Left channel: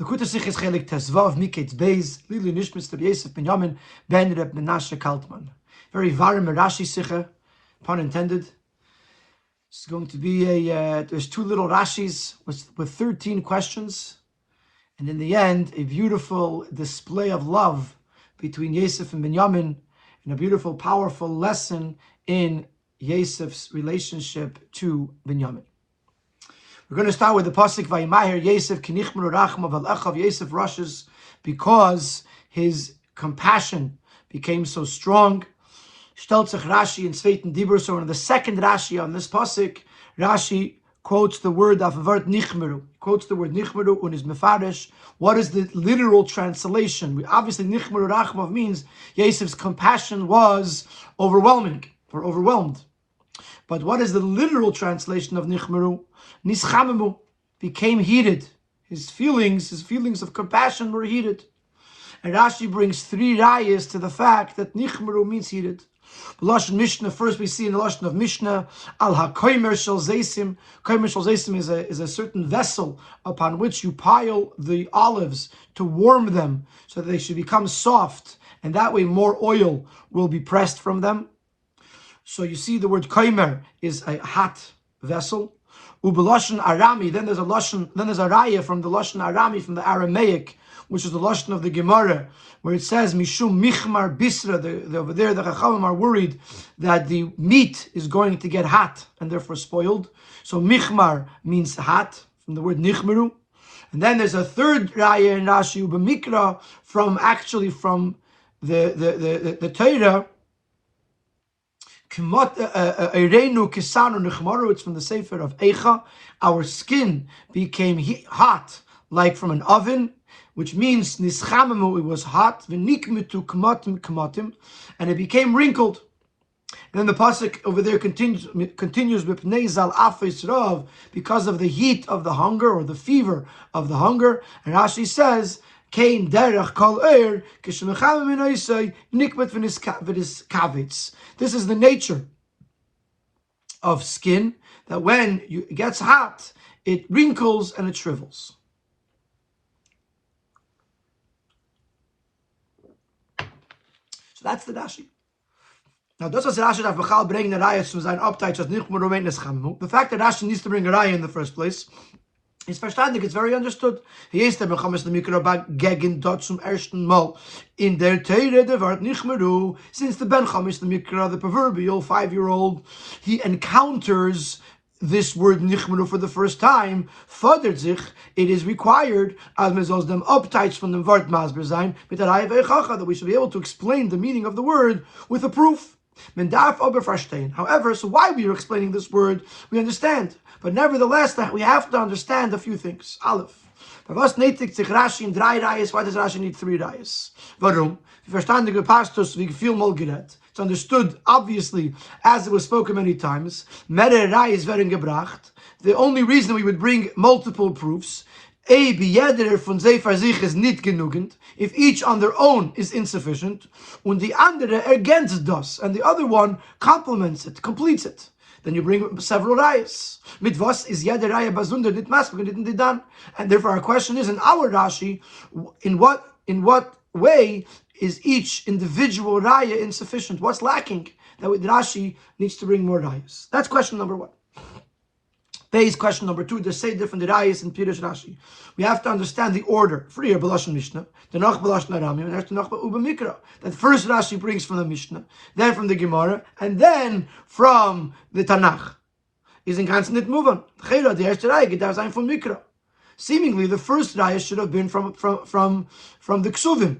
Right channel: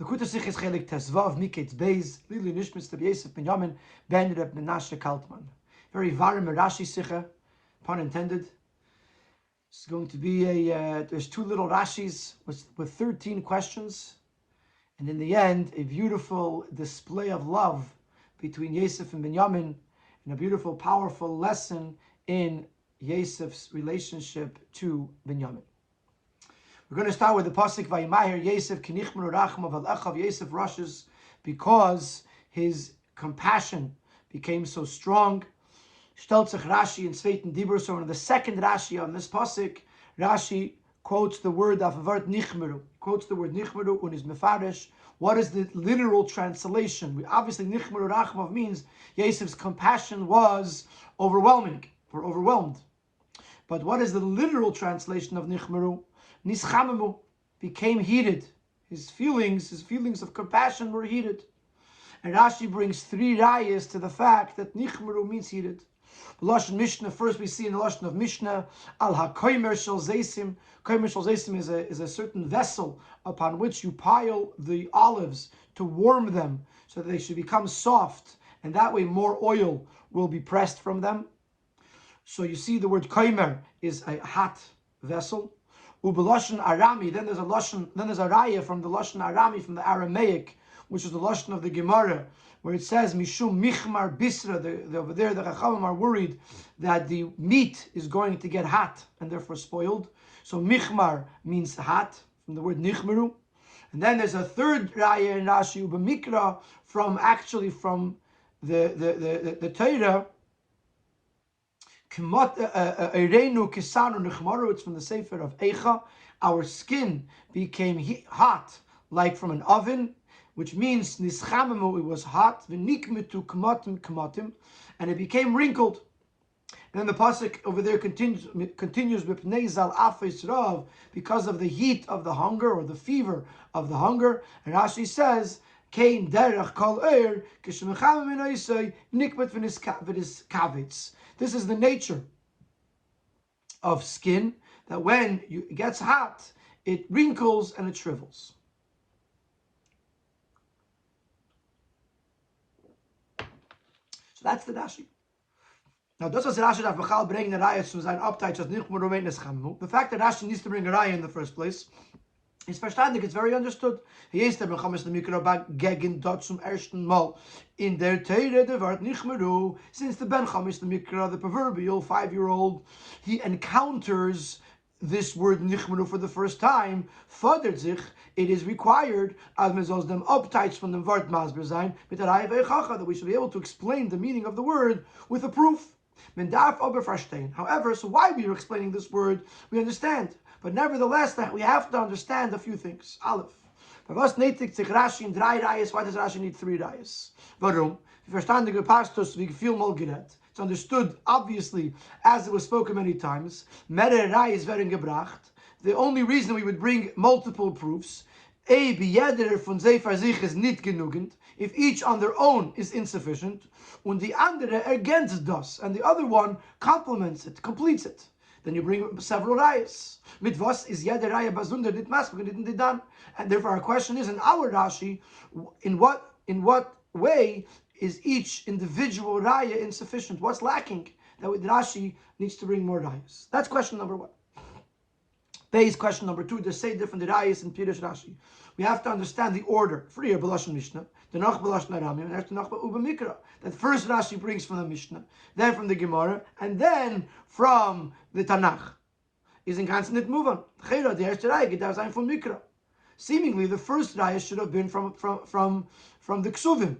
L'kuta Sichos Chelek Tesvav Miketz Beis Lili Nishmas Rabbi Yosef Ben Yamin Ben Reb Menashe Kaltman. Very varim Rashi Sicha, pun intended. It's going to be there's two little Rashis with 13 questions, and in the end, a beautiful display of love between Yosef and Binyamin, and a beautiful, powerful lesson in Yosef's relationship to Binyamin. We're going to start with the pasuk Vayimaher Yosef Kinichmru Rachmav Al Echav. Yosef rushes because his compassion became so strong. Steltzach Rashi in Sveiten Dibur. So in the second Rashi on this pasuk, Rashi quotes the word Avavart Nichmeru. Quotes the word Nichmeru and is mefarish. What is the literal translation? Obviously, Nichmeru Rachmav means Yosef's compassion was overwhelming or overwhelmed. But what is the literal translation of Nichmeru? Nischamemu, became heated. His feelings of compassion were heated. And Rashi brings three rayas to the fact that Nichmeru means heated. The Lashon Mishnah, first we see in the Lashon of Mishnah, Al HaKoimer Shel Zeisim. Koimer Shel Zeisim is a certain vessel upon which you pile the olives to warm them so that they should become soft, and that way more oil will be pressed from them. So you see the word Koimer is a hot vessel. Ubelashon Arami, then there's a raya from the Lashon Arami, from the Aramaic, which is the Lashon of the Gemara, where it says, Mishum Michmar Bisra, over there the Chachamim are worried that the meat is going to get hot and therefore spoiled. So Michmar means hot, from the word Nichmeru. And then there's a third raya in Rashi, Ubemikra, from the Torah, it's from the Sefer of Eicha. Our skin became hot like from an oven, which means nischamemu, it was hot, v'nikmetu kamatim kamatim, and it became wrinkled. And then the pasuk over there continues with Nezal Afes Rav, because of the heat of the hunger or the fever of the hunger. And Rashi says, Kain derech kol eir kishmecham minaysay nikmet v'niskavitz. This is the nature of skin, that when it gets hot, it wrinkles and it shrivels. So that's the Rashi. Now, does Rashi that Bachal bring the raya to sein Abteich as Nichmeru meint Nischamemu? The fact that Rashi needs to bring a raya in the first place is verstandig, it's very understood. He is der Mechames the Mikra gegen dort zum ersten Mal in der Teire der Wort Nichmeru. Since the Ben Chamis the Mikra, the proverbial 5-year-old, he encounters this word Nichmeru for the first time. Fordert sich, it is required as man soll dem Abteich von dem Wort Masber sein mit der Reihe Vechacha, that we should be able to explain the meaning of the word with a proof. Men darf aber verstehen. However, so why we are explaining this word, we understand. But nevertheless, that we have to understand a few things. Aleph. Was nötigt sich Rashi in 3 rayas? Why does Rashi need 3 rayas? Warum? Wir verstanden die Pastos wie viel mal geredet. It's understood, obviously, as it was spoken many times. Mehrere rayas werden gebracht. The only reason we would bring multiple proofs, jeder von Sefer sich ist nicht genügend, if each on their own is insufficient, und die andere ergänzt das, and the other one complements it, completes it. Then you bring several rayas. Mit was is jede raya bazunder dit masbuk dit didan? And therefore our question is, in our Rashi, in what way is each individual raya insufficient? What's lacking that Rashi needs to bring more rayas? That's question number 1. Base question number 2, they say different rayas in Pirush Rashi. We have to understand the order. Früher Belashon Mishnah, danach Belashon Arami, and after danach Uba Mikra. That first Rashi brings from the Mishnah, then from the Gemara, and then from the Tanakh. Is in ganzen nicht move on. Chera, the erste Raya, geht sein from Mikra. Seemingly, the first Raya should have been from the Ksuvim.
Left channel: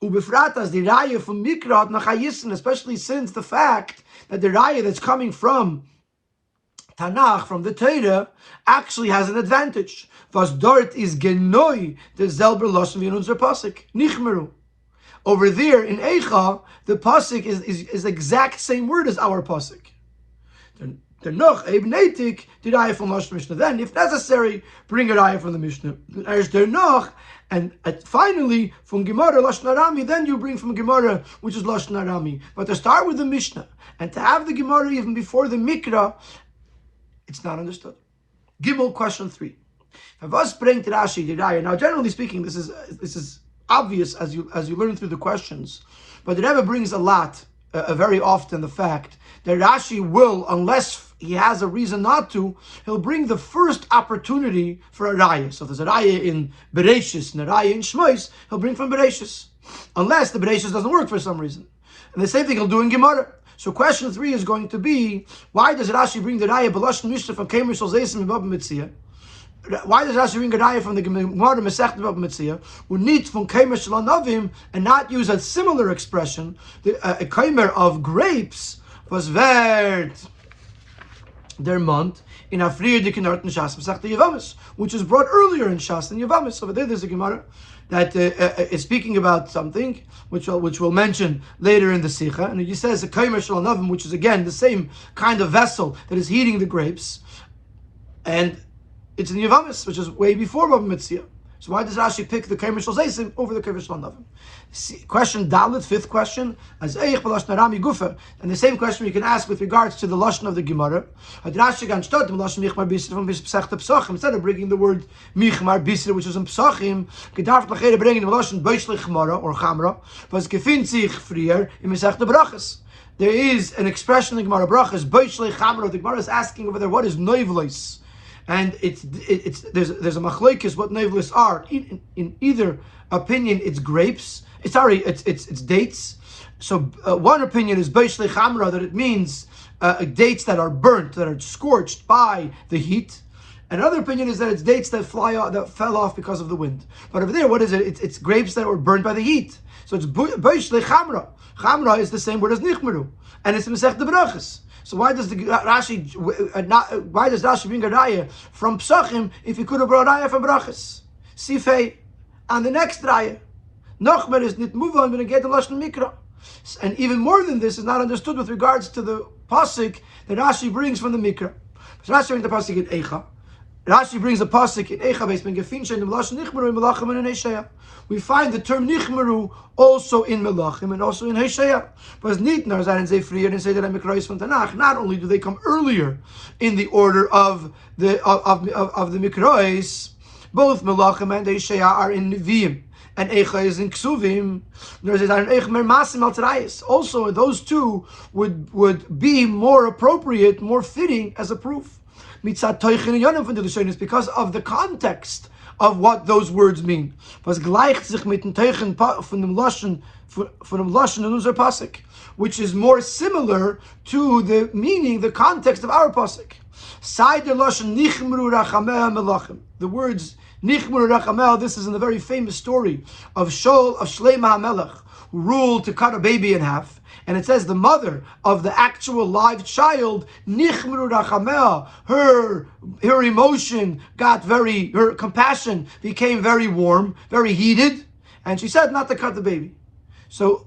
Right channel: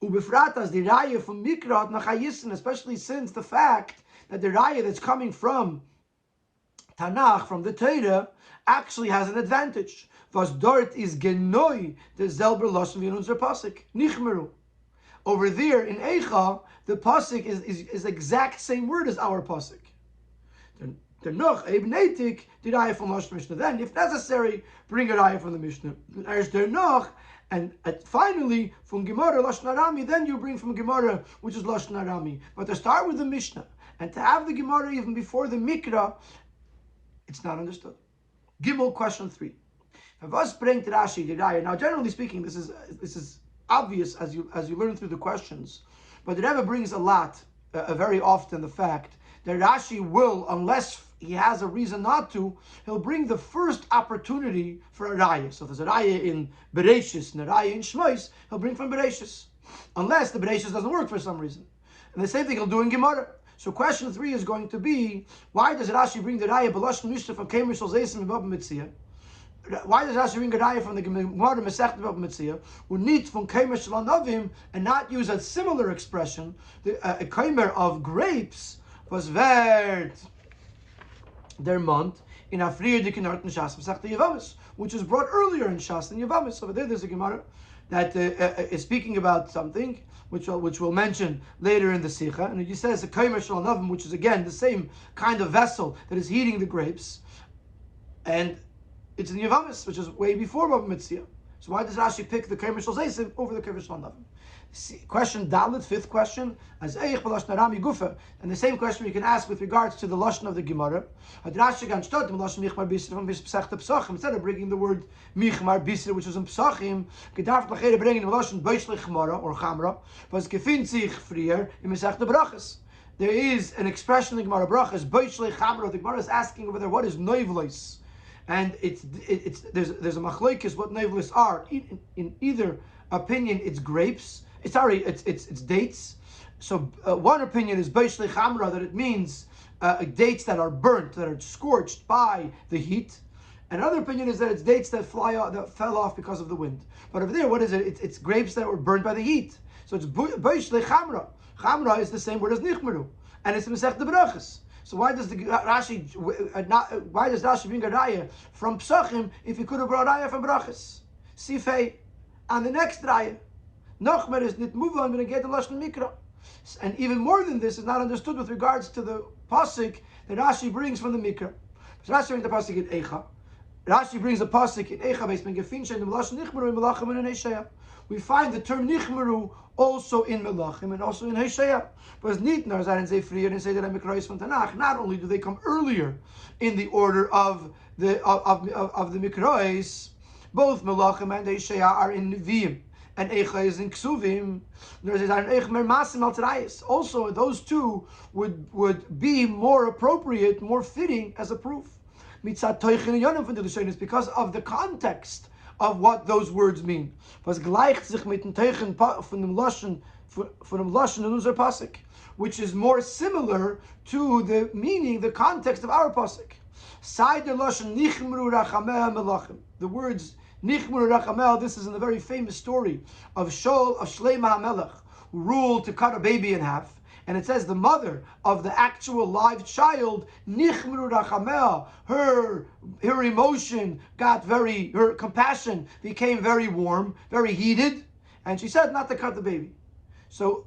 Ubefratas, the Raya from Mikra hat nach Hayissen, especially since the fact that the Raya that's coming from Tanakh, from the Torah, actually has an advantage. Was dort is genoi the selber lashon wie in unser pasuk Nichmeru. Over there in Eicha, the pasuk is the exact same word as our pasuk. Noch ebnetik the raya from lashon Mishnah. Then, if necessary, bring a raya from the Mishnah. There's der noch, and finally from Gemara lashon Arami. Then you bring from Gemara, which is lashon Arami. But to start with the Mishnah and to have the Gemara even before the Mikra, it's not understood. Gimel, question 3. Was bringt Rashi the Raya? Now, generally speaking, this is obvious as you learn through the questions, but the Rebbe brings a lot, very often, the fact that Rashi will, unless he has a reason not to, he'll bring the first opportunity for a Raya. So if there's a Raya in Bereshis and a Raya in Shmois, he'll bring from Bereshis, unless the Bereshis doesn't work for some reason. And the same thing he'll do in Gemara. So question 3 is going to be, why does Rashi bring the Raya B'Lashon Mishnah from Kemer Shel Zeisim and Baba Mitzia? Why does Rashi bring a Raya from the Gemara Masechet Baba Mitzia, who needs from Kemer Shel Anavim and not use a similar expression, a Kemer of grapes was wert their month in Afriyah Dikinart and Shas Masechet Yavamis, which is brought earlier in Shas and Yavamis. Over there's a Gemara that is speaking about something which we'll mention later in the Sikha, and he says a Kemer Shel Anavim, which is again the same kind of vessel that is heating the grapes, and it's in Yavamis, which is way before Baba Mitzia. So why does Rashi pick the Kemer Shel Zeisim over the Kemer Shel Anavim? Question Dalit, 5th question, as Eich B'Lashon Arami Gufa, and the same question you can ask with regards to the Lashon of the Gemara. Instead of bringing the word Michmar Bisra, which is in Psachim, gedarf lachere bringen the Lashon Beishlech Gemara or Chamra, was gefindt sich frier in Masechet Brachas. There is an expression in the Gemara Brachas, Beishlech Chamra. The Gemara is asking over there, what is Neivlis? And there's a machlokes what neivlis are. In either opinion, it's grapes. It's dates. So one opinion is beishlei chamra, that it means dates that are burnt, that are scorched by the heat. Another opinion is that it's dates that fell off because of the wind. But over there, what is it? It's grapes that were burnt by the heat. So it's beishlei chamra. Chamra is the same word as nichmeru, and it's Masechet Brachas. So why does Rashi bring a Raya from Psachim if he could have brought a Raya from Brachas? Sifei, and the next Raya, Nochmer is nit muvan when get the Lashon Mikra. And even more than this is not understood with regards to the pasuk that Rashi brings from the Mikra. Rashi brings the pasuk in Eicha. Rashi brings a pasuk in Eicha based on Gefinsha in the Lashon Nichmeru in Melachim and in Hosea. We find the term Nichmeru also in Melachim and also in Hosea. But Nitnar Zayin Zefrier and say that I'm Mikrais from Tanakh. Not only do they come earlier in the order of the Mikrais, both Melachim and Hosea are in Nevi'im, and Eicha is in Ksuvim. Also, those two would be more appropriate, more fitting as a proof. Because of the context of what those words mean. Which is more similar to the meaning, the context of our pasuk. The words Nichmur Rachamel, this is in the very famous story of Shlomo HaMelech, who ruled to cut a baby in half. And it says the mother of the actual live child, Nichmru Rachamel, her emotion her compassion became very warm, very heated, and she said not to cut the baby. So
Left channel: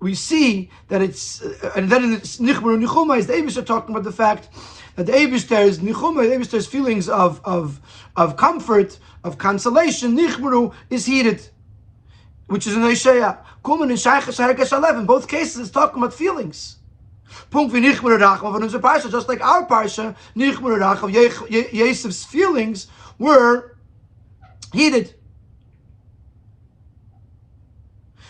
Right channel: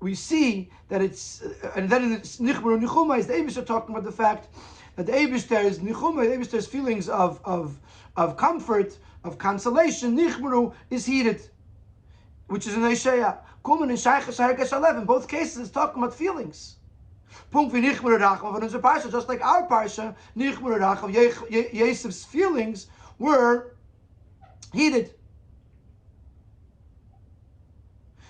we see that it's, and then in Nichmru Nichuma is the Eibishter talking about the fact that the Eibishter's Nichuma, the Eibishter's feelings of comfort, of consolation, Nichmru is heated, which is in Hosea. Kumen in Shaychas Herkesh 11. Both cases is talking about feelings. Punkt wie Nichmur Rachel von unser Parsha, just like our Parsha, Nichmur Rachel, Yosef's feelings were heated.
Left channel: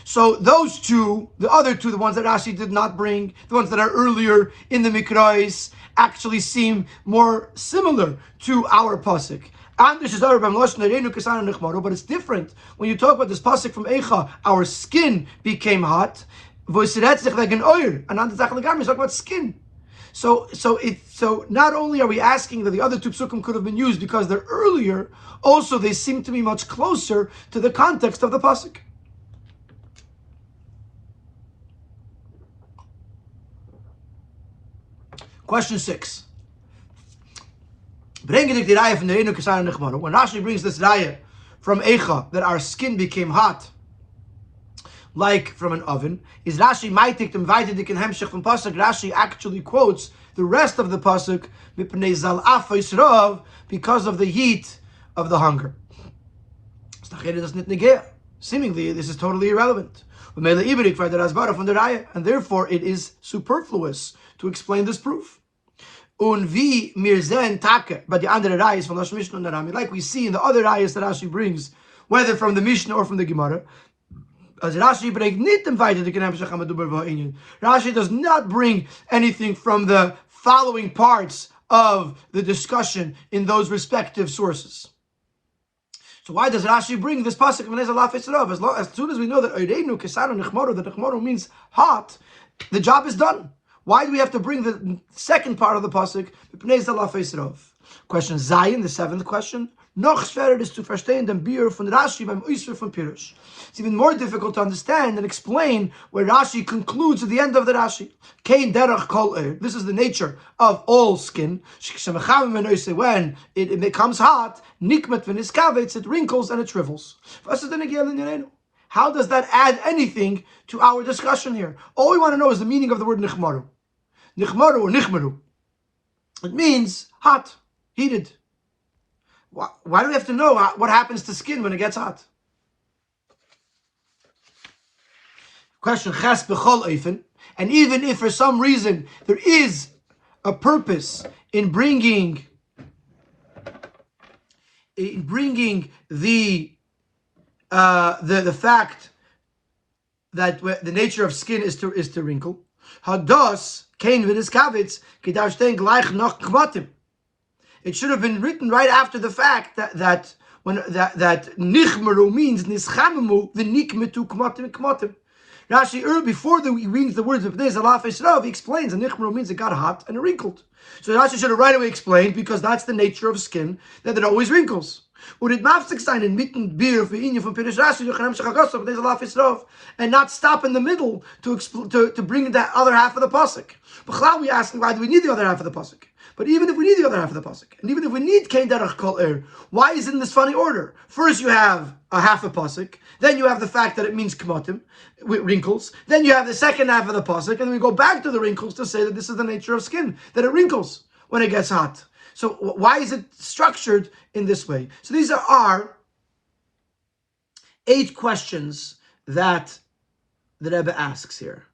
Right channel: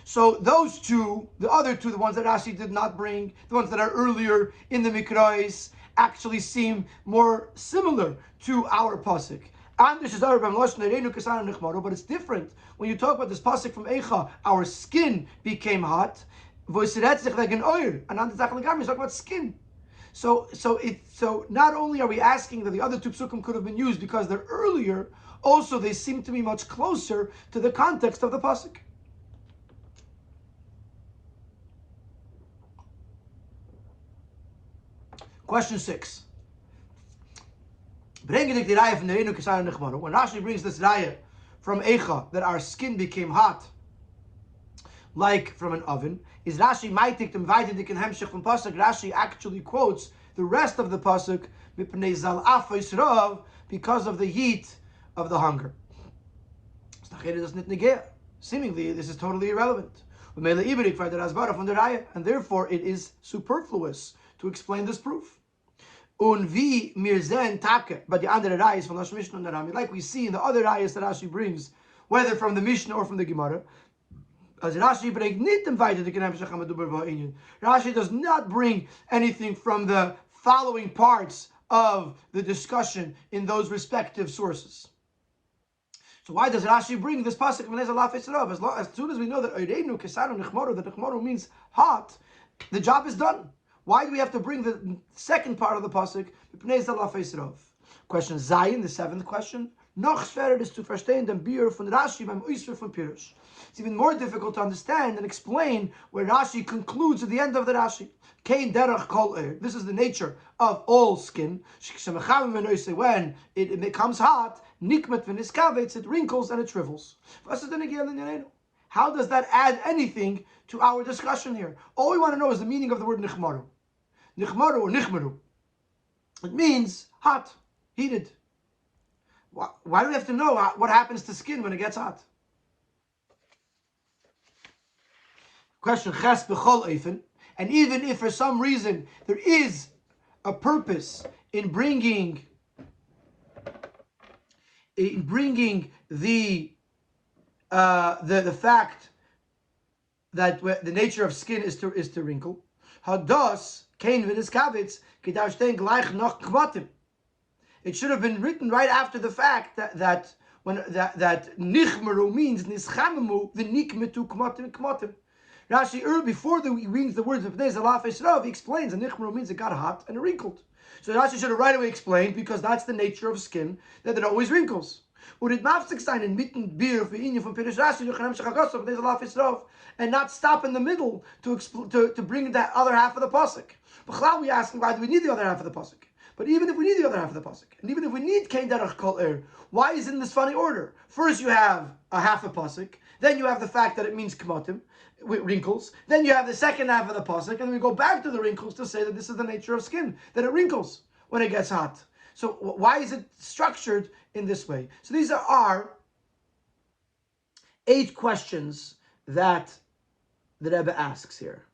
So those two, the other two, the ones that Rashi did not bring, the ones that are earlier in the Mikrais, actually seem more similar to our pasuk. But it's different when you talk about this pasuk from Eicha. Our skin became hot. And talk about skin. So not only are we asking that the other two psukim could have been used because they're earlier, also they seem to be much closer to the context of the pasuk. Question 6. When Rashi brings this raya from Eicha that our skin became hot like from an oven, is Rashi maitik dem weiterdik in hemshich from pasuk. Rashi actually quotes the rest of the pasuk because of the heat of the hunger. Seemingly, this is totally irrelevant. And therefore, it is superfluous to explain this proof. Und wie mir sehen Take, but the andere Rayas from Lashon Mishnah and Rami, like we see in the other Rayas that Rashi brings, whether from the Mishnah or from the Gemara, as Rashi bringt nicht im Weiter die Kenemshach HaMedubar V'Inyan. Rashi does not bring anything from the following parts of the discussion in those respective sources. So why does Rashi bring this pasuk of Menez Alaf Yisrael? As soon as we know that Oireinu Kesaru Nechmoru, that Nechmoru means hot, the job is done. Why do we have to bring the second part of the pasuk? Menez Alaf Yisrael. Question Zayin, the seventh question. Noch schwerer is to verstehen den Biur von Rashi beim Oisver von Pirush. It's even more difficult to understand and explain where Rashi concludes at the end of the Rashi. Kein derech kol This is the nature of all skin. When it becomes hot, nikmet v'niskavetz, it wrinkles and it shrivels. How does that add anything to our discussion here? All we want to know is the meaning of the word nichmaru. Nichmaru or nichmaru. It means hot, heated. Why do we have to know what happens to skin when it gets hot? Question Ches b'chol oifen, and even if for some reason there is a purpose in bringing the fact that the nature of skin is to wrinkle, hados kein v'niskavitz kedav shtein gleich noch kmatim. It should have been written right after the fact that nichmeru means nischamemu v'nikmetu kmatim kmatim. Rashi earlier, before he reads the words of Bnei Zalaf Yisrael, he explains that nichmeru means it got hot and it wrinkled. So Rashi should have right away explained, because that's the nature of skin, that it always wrinkles. Would it mafsik sein in mitten beer for inyan from Pirush Rashi Yochanan Shachagosov Bnei Zalaf Yisrael, and not stop in the middle to bring that other half of the pasuk? B'chlal we asking, why do we need the other half of the pasuk? But even if we need the other half of the pasuk, and even if we need kein derech kol why is it in this funny order? First you have a half a pasuk, then you have the fact that it means kmatim, wrinkles, then you have the second half of the pasuk, and then we go back to the wrinkles to say that this is the nature of skin, that it wrinkles when it gets hot. So why is it structured in this way? So these are our 8 questions that the Rebbe asks here.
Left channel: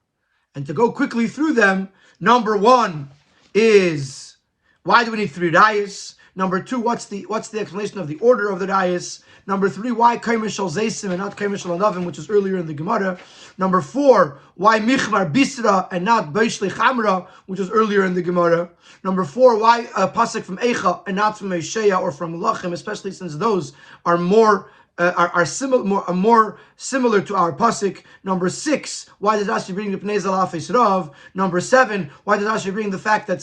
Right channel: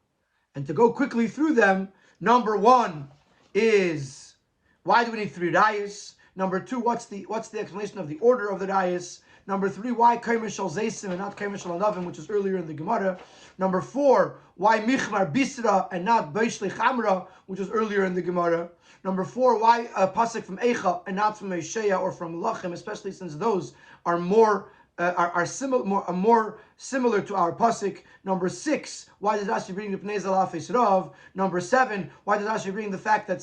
And to go quickly through them, number 1 is, why do we need 3 rayas? Number 2, what's the explanation of the order of the rayas? Number 3, why kaimer shal zeisim and not kaimer shal anavim, which is earlier in the Gemara? Number 4, why michmar bisra and not beishle chamra, which is earlier in the Gemara? Number 4, why a pasuk from Eicha and not from Eishaya or from Melachim, especially since those are more similar to our pasuk. Number 6, why does Rashi bring the Pnei Zalaf Yisrael? Number 7, why does Rashi bring the fact that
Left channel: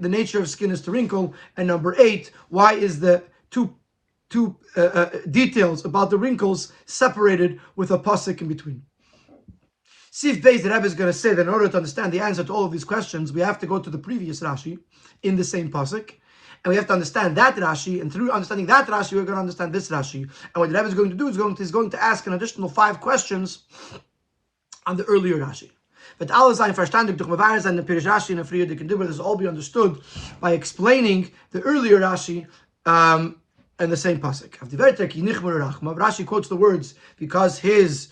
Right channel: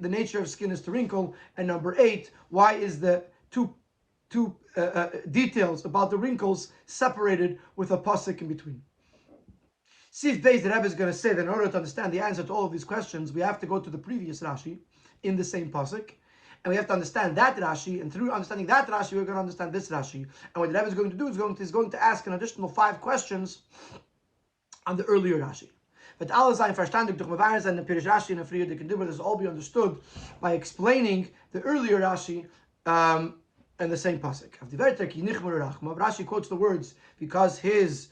the nature of skin is to wrinkle? And number 8, why is the two details about the wrinkles separated with a pasuk in between? Sif Beis, the Rebbe is going to say that in order to understand the answer to all of these questions, we have to go to the previous Rashi in the same pasuk. And we have to understand that Rashi, and through understanding that Rashi, we're going to understand this Rashi. And what the Rebbe is going to do is going to ask an additional 5 questions on the earlier Rashi. But alles ein verstandig durch Mevarer sein, the Pirush Rashi and the Friede can do, but this will all be understood by explaining the earlier Rashi and the same pasuk. Rashi quotes the words because his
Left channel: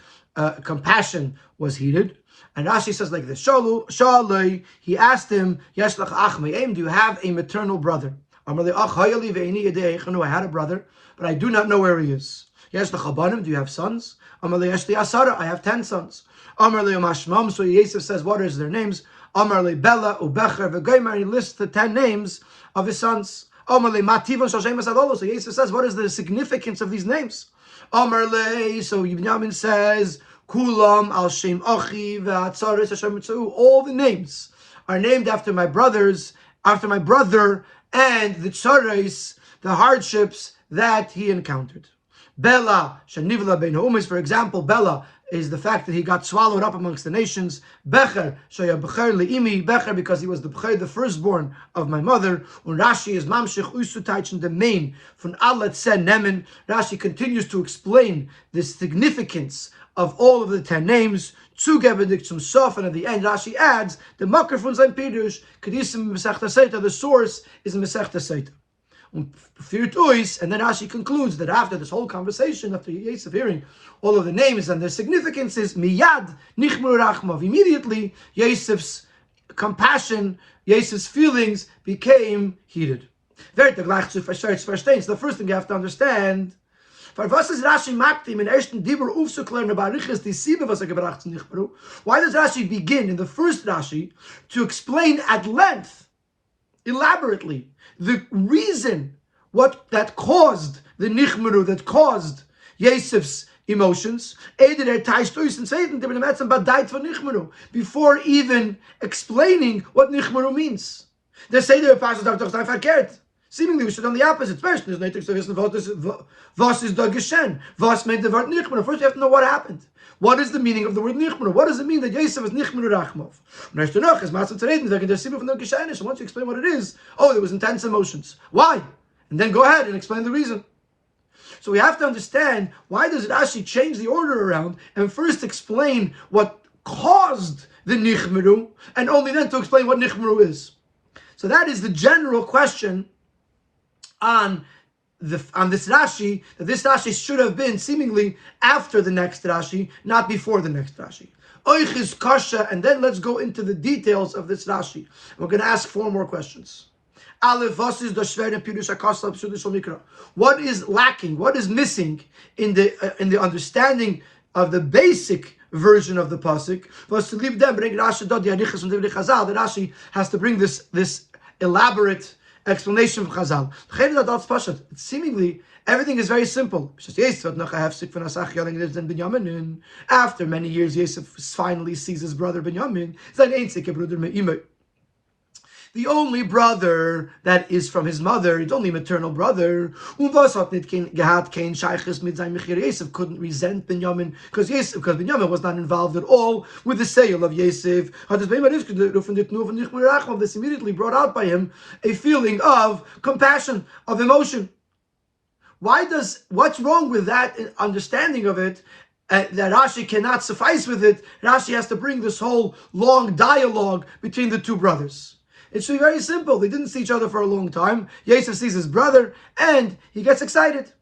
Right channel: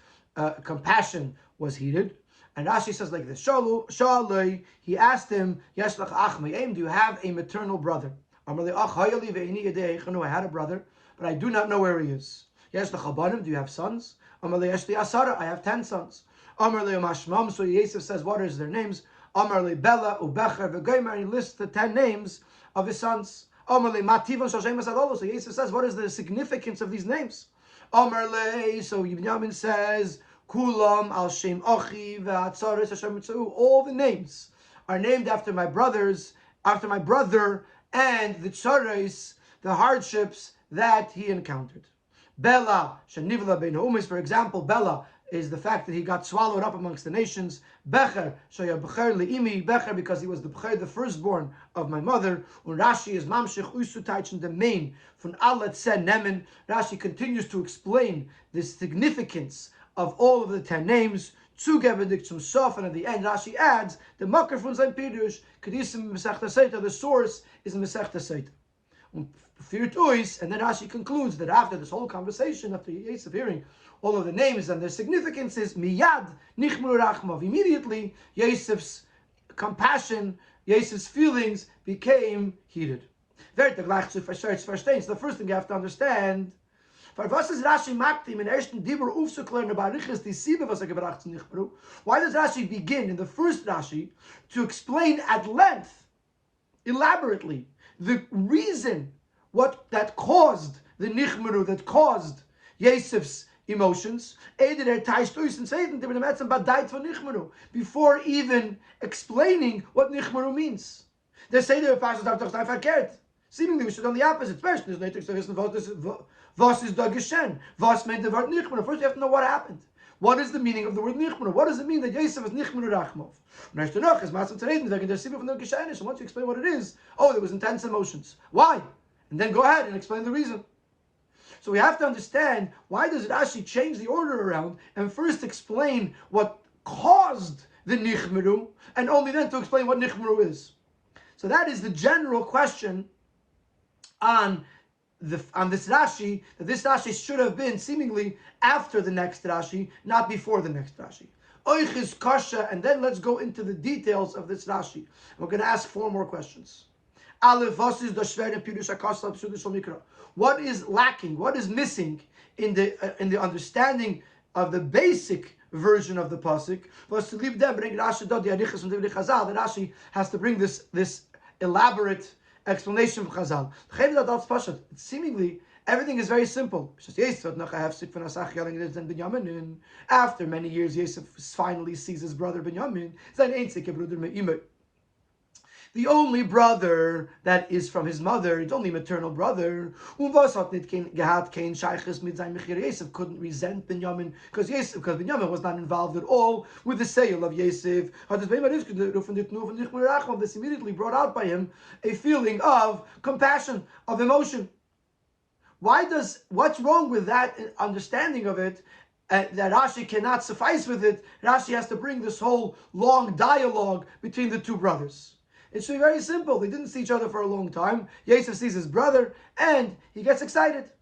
compassion was heated. And Rashi says like this: Shaloi, he asked him, Yeshlach ach me'em, do you have a maternal brother? I had a brother, but I do not know where he is. Yeshlach abanim, do you have sons? I have 10 sons. So Yosef says, what is their names? Bella, Ubecher, V'goymer, he lists the 10 names of his sons. So Yosef says, what is the significance of these names? So Binyamin says, Kulam al Shem Achi ve'atzaris Hashem Mitzu. All the names are named after my brothers, after my brother, and the tzaris, the hardships that he encountered. Bela shenivla bein ha'umis, for example, Bela is the fact that he got swallowed up amongst the nations. Becher shaya becher leimi, Becher because he was the becher, the firstborn of my mother. And Rashi is mamshich usutaichen the main von alet sen nemen. Rashi continues to explain the significance of all of the 10 names. Zugebedik zum sof, and at the end Rashi adds the makar von sein pirush kedisim mesechta seita. The source is in mesechta seita. And then Rashi concludes that after this whole conversation, after Yosef hearing all of the names and their significances, miyad nichmur rachmav, immediately Yosef's compassion, Yosef's feelings became heated. So the first thing you have to understand, why does Rashi begin in the first Rashi to explain at length, elaborately, the reason that caused the nichmeru, that caused Yosef's emotions, before even explaining what nichmeru means? They say seemingly we should on the opposite. First, was is da geshen. Was meant the word nichmeru. First, you have to know what happened. What is the meaning of the word nichmeru? What does it mean that Yosef is nichmeru rachmov? So once you explain what it is, there was intense emotions. Why? And then go ahead and explain the reason. So we have to understand, why does Rashi change the order around and first explain what caused the nichmeru, and only then to explain what nichmeru is. So that is the general question on this Rashi, that this Rashi should have been seemingly after the next Rashi, not before the next Rashi. Oichis kasha, and then let's go into the details of this Rashi. And we're going to ask 4 more questions. What is lacking? What is missing in the understanding of the basic version of the pasuk? The Rashi has to bring this elaborate explanation from Chazal. Seemingly, everything is very simple. After many years, Yosef finally sees his brother Binyamin. The only brother that is from his mother, it's only maternal brother. Yosef couldn't resent Binyamin because Binyamin was not involved at all with the sale of Yosef. This immediately brought out by him a feeling of compassion, of emotion. What's wrong with that understanding of it? That Rashi cannot suffice with it. Rashi has to bring this whole long dialogue between the 2 brothers. It should be very simple. They didn't see each other for a long time. Yosef sees his brother, and he gets excited.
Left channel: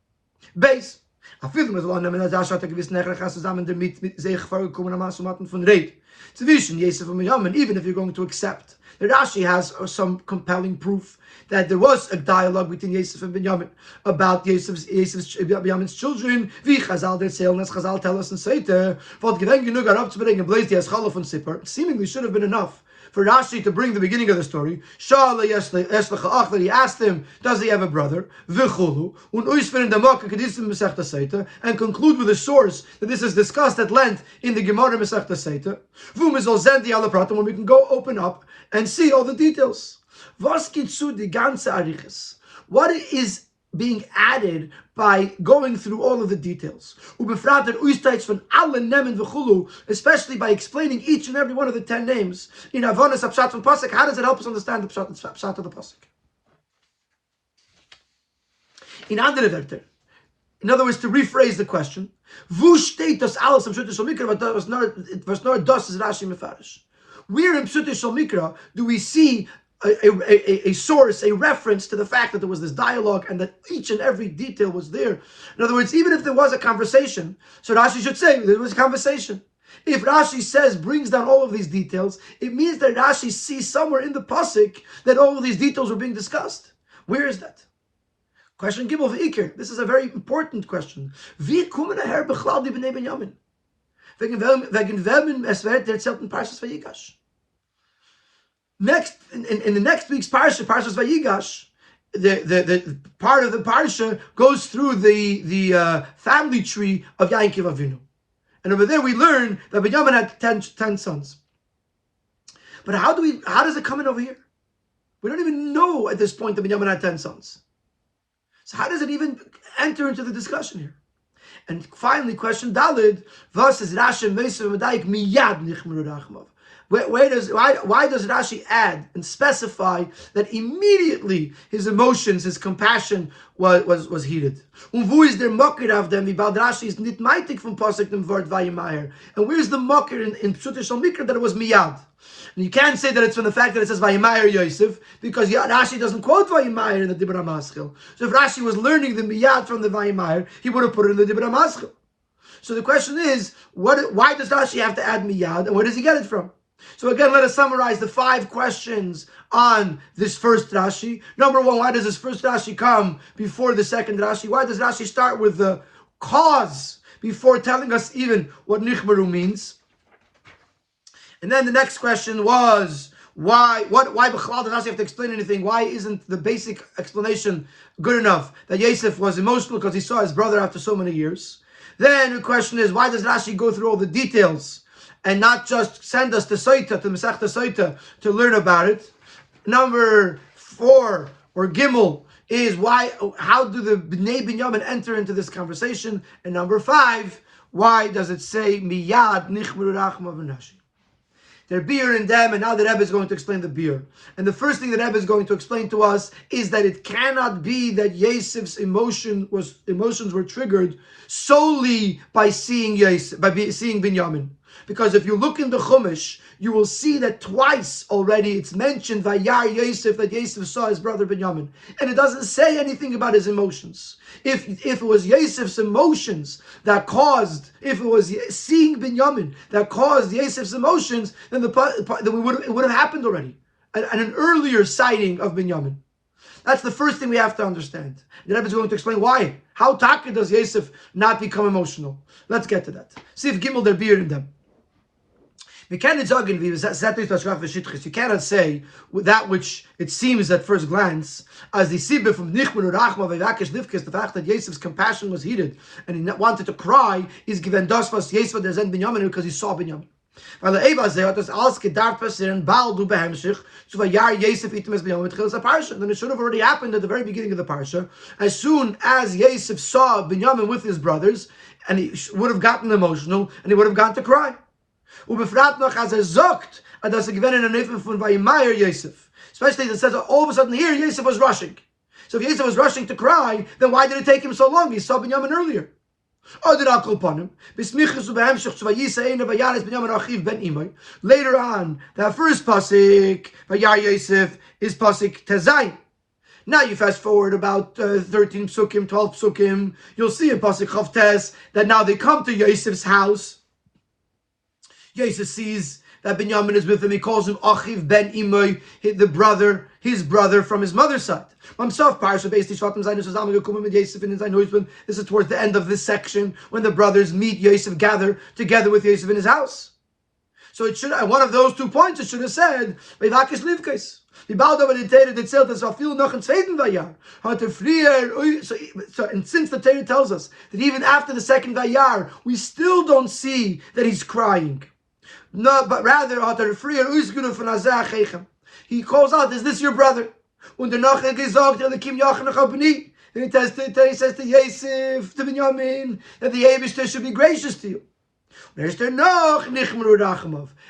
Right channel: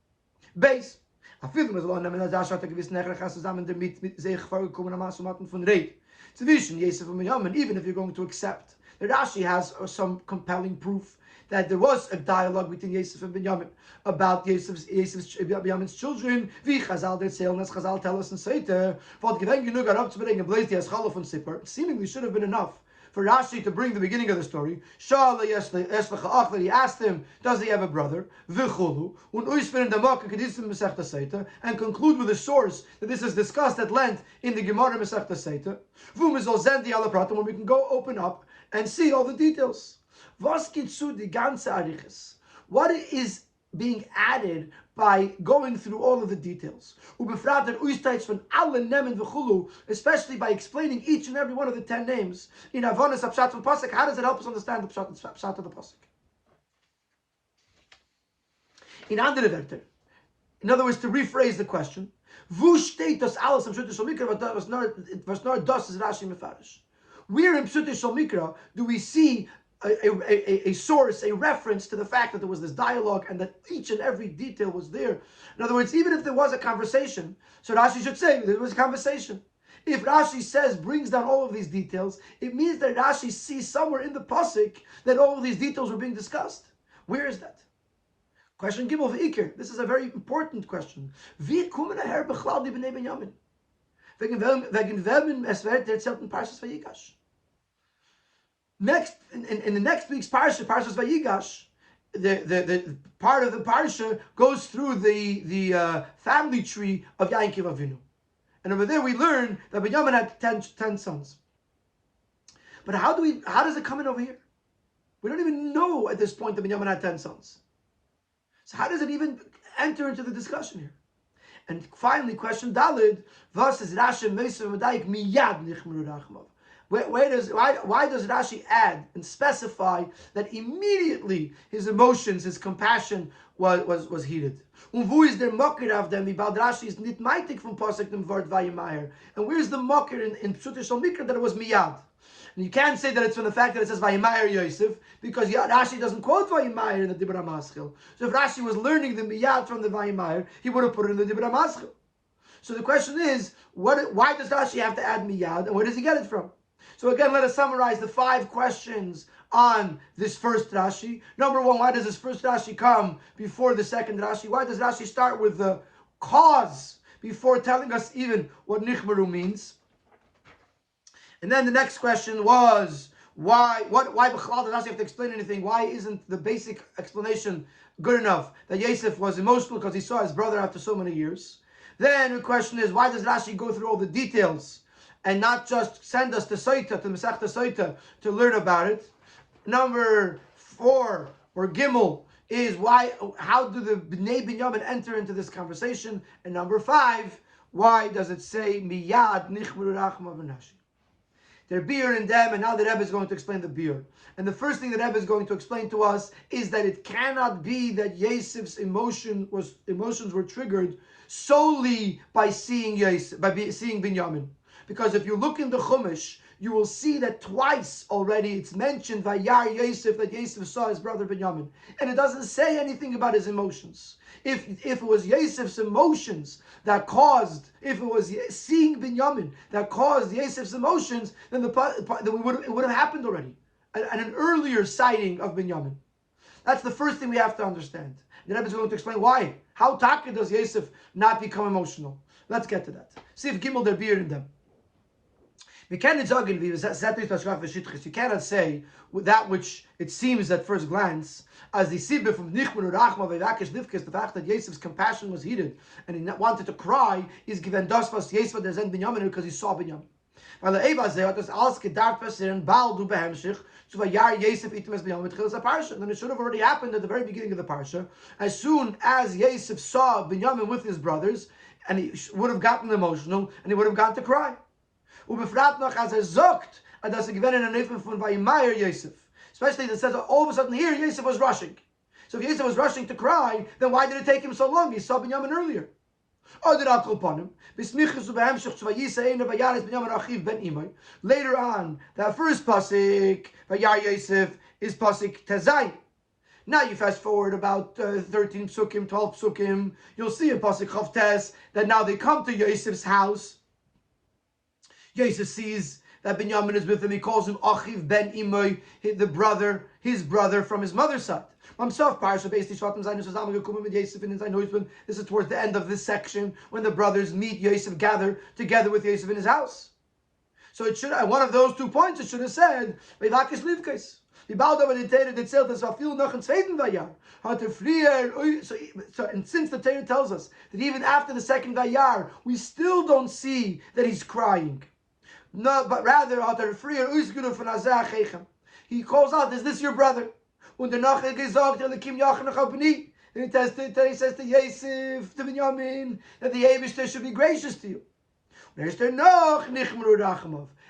Base. Even if you're going to accept that Rashi has some compelling proof that there was a dialogue between Yosef and Binyamin about Binyamin's children. Chazal tell us in Seite, seemingly should have been enough for Rashi to bring the beginning of the story. That he asked him, does he have a brother? And conclude with a source that this is discussed at length in the Gemara Masechta Seita. When we can go open up and see all the details. What is being added by going through all of the details, especially by explaining each and every one of the 10 names in Avonis Pshat from Pasuk? How does it help us understand the Pshat of the Pasuk? In other words, to rephrase the question, where in Pshat Shel Mikra do we see a source, a reference to the fact that there was this dialogue and that each and every detail was there? In other words, even if there was a conversation, so Rashi should say there was a conversation. If Rashi brings down all of these details, it means that Rashi sees somewhere in the pasuk that all of these details were being discussed. Where is that? Question Gimel v'Iker. This is a very important question. Wie kommen daher bechlal die bnei Binyamin? Wegen wem es wird erzählt in Parshas Vayigash. Next, in the next week's Parshas Vayigash, the part of the Parsha goes through the family tree of Yaakov Avinu. And over there we learn that Binyamin had 10 sons. But how does it come in over here? We don't even know at this point that Binyamin had 10 sons. So how does it even enter into the discussion here? And finally, question Dalid, Vas is Rashi Meisav Medayik Miyad Nichmeru Rachmav. Why does Rashi add and specify that immediately his emotions, his compassion was heated? And where's the mocker in Pshat Shel Mikra that it was miyad? And you can't say that it's from the fact that it says Vayimayer Yosef, because Rashi doesn't quote Vayimayer in the Dibra Maschil. So if Rashi was learning the miyad from the Vayimayer, he would have put it in the Dibra Maschil. So the question is, why does Rashi have to add miyad, and where does he get it from? So again, let us summarize the 5 questions on this first Rashi. Number 1, why does this first Rashi come before the second Rashi? Why does Rashi start with the cause before telling us even what Nichmeru means? And then the next question was, why B'chalal does Rashi have to explain anything? Why isn't the basic explanation good enough that Yosef was emotional because he saw his brother after so many years? Then the question is, why does Rashi go through all the details and not just send us to Soita, to Masechta Soita, to learn about it? Number 4, or Gimel, is how do the Bnei Binyamin enter into this conversation? And number 5, why does it say Miyad Nichmeru Rachma V'Nashi? They're beer in them, and now the Rebbe is going to explain the beer. And the first thing the Rebbe is going to explain to us is that it cannot be that Yosef's emotions were triggered solely by seeing seeing Binyamin. Because if you look in the Chumash, you will see that twice already it's mentioned Vayar Yosef, that Yosef saw his brother Binyamin. And it doesn't say anything about his emotions. If it was Yosef's emotions that caused, if it was seeing Binyamin that caused Yosef's emotions, then it would have happened already. And an earlier sighting of Binyamin. That's the first thing we have to understand. The Rebbe is going to explain why. How taka does Yosef not become emotional? Let's get to that. See if Gimel der beer in them. You cannot say that which it seems at first glance as the sibbe from Nichmeru Rachma Ve'Vakesh Livkes, the fact that Yosef's compassion was heated and he wanted to cry, is given das was Yosef der Zen Binyamin because he saw Binyamin. Weil Eva hat das alles gedacht passieren, bald du behemschich, so Vayar Yosef item es Binyamin tchilas a parsha. Then it should have already happened at the very beginning of the parsha. As soon as Yosef saw Binyamin with his brothers, and he would have gotten emotional, and he would have gone to cry. Ubefrat noch as sagt, dass gewinnen in Nefen von Vayimayr Yosef. Especially it says all of a sudden here Yosef was rushing. So if Yosef was rushing to cry, then why did it take him so long? He saw Binyamin earlier. Later on, that first pasuk Vayar Yosef is pasuk Tezayin. Now you fast forward about 13 psukim, 12 psukim, you'll see in pasuk Chav Tes that now they come to Yosef's house. Yosef sees that Binyamin is with him. He calls him Achiv ben Imoy, his brother from his mother's side. This is towards the end of this section when the brothers meet Yosef, gather together with Yosef in his house. So it should, at one of those 2 points, it should have said, Ve'Vakesh Livkes. And since the Torah tells us that even after the second Vayar, we still don't see that he's crying. No, but rather, he calls out, is this your brother? And he says to Yosef, to Binyamin, that the Eibishter should be gracious to you.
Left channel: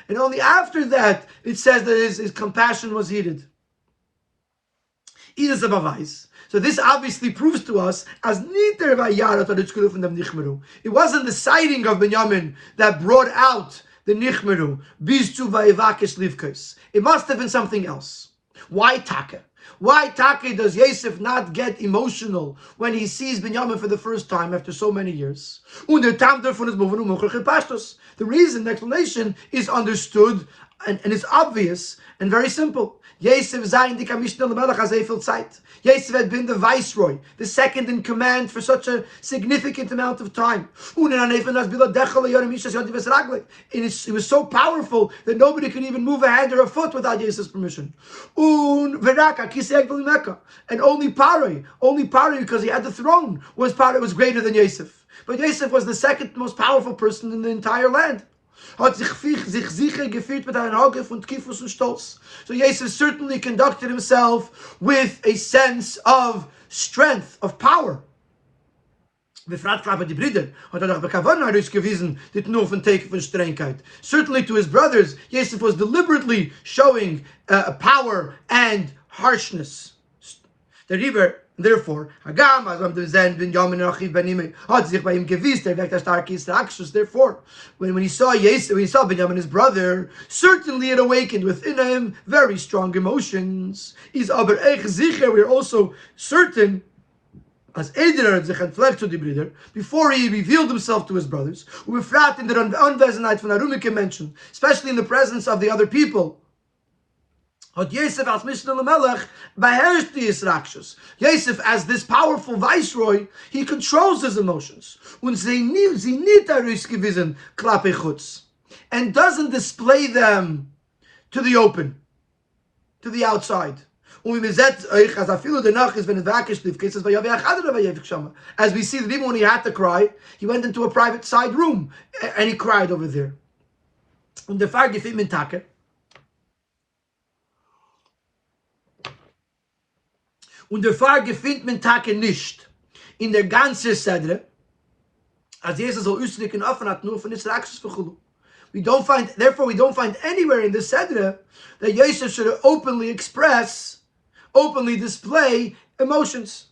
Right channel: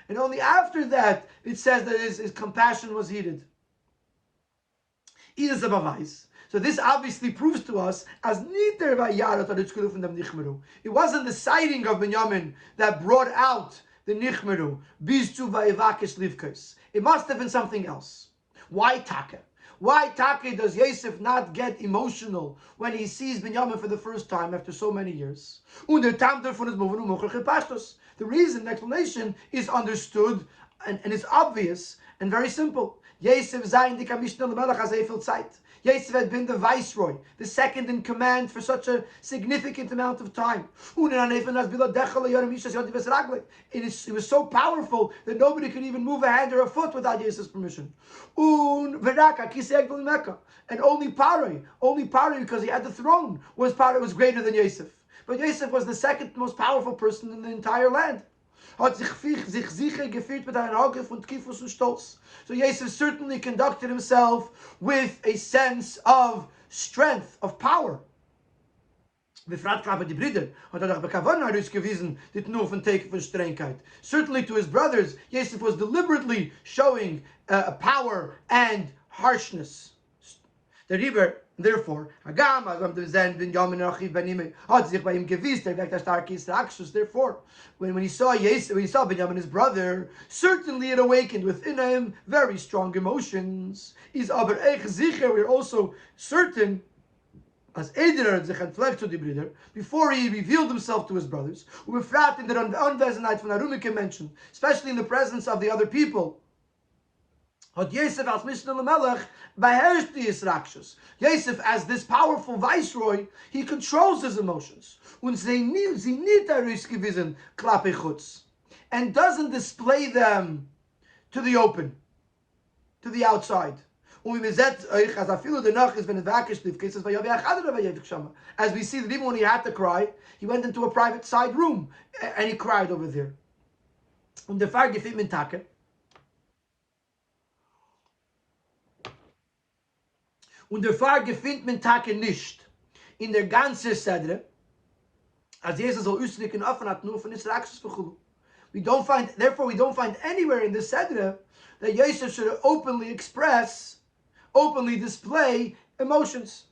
And only after that, it says that his compassion was heated. So this obviously proves to us as it wasn't the sighting of Binyamin that brought out the Nichmeru. It must have been something else. Why taka? Why taka does Yosef not get emotional when he sees Binyamin for the first time after so many years? The reason, the explanation is understood and is obvious and very simple. Yosef had been the viceroy, the second in command for such a significant amount of time. It was so powerful that nobody could even move a hand or a foot without Yosef's permission. And only Paroi, because he had the throne, was greater than Yosef. But Yosef was the second most powerful person in the entire land. So Yosef certainly conducted himself with a sense of strength, of power. Certainly to his brothers, Yosef was deliberately showing power and harshness. Therefore, therefore, when he saw Binyamin, his brother, certainly it awakened within him very strong emotions. We're also certain as Eder sich entfleckt zu die Brüder, before he revealed himself to his brothers, ubefrat in der Anwesenheit von Arumike Menschen, especially in the presence of the other people, hat Yosef als Mishnah Lamelech beherrscht die Yisrakshus. Yosef, as this powerful viceroy, he controls his emotions. Und sie nicht herausgewiesen klappe chutz, and doesn't display them to the open, to the outside. As we see that even when he had to cry, he went into a private side room and he cried over there. Und der Fall gefällt mir Tage. Und der Fall gefällt mir Tage nicht in der ganzen Sedre, als Jesus soll ausdrücken offen hat nur von Israels Verchulu. Therefore we don't find anywhere in the Sedre that Yosef should openly display emotions.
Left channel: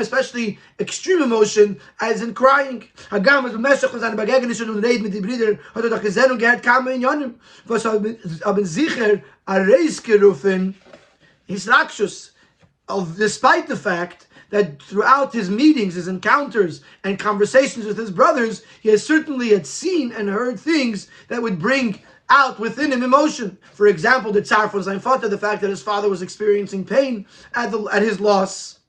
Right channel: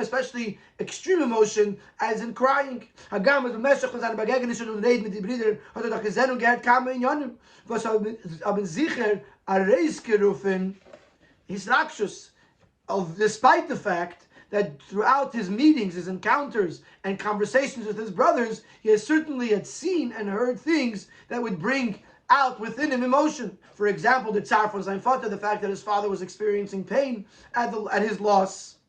Especially extreme emotion, as in crying. Despite the fact that throughout his meetings, his encounters, and conversations with his brothers, he has certainly had seen and heard things that would bring out within him emotion. For example, the tsar von sein Vater, the fact that his father was experiencing pain at his loss.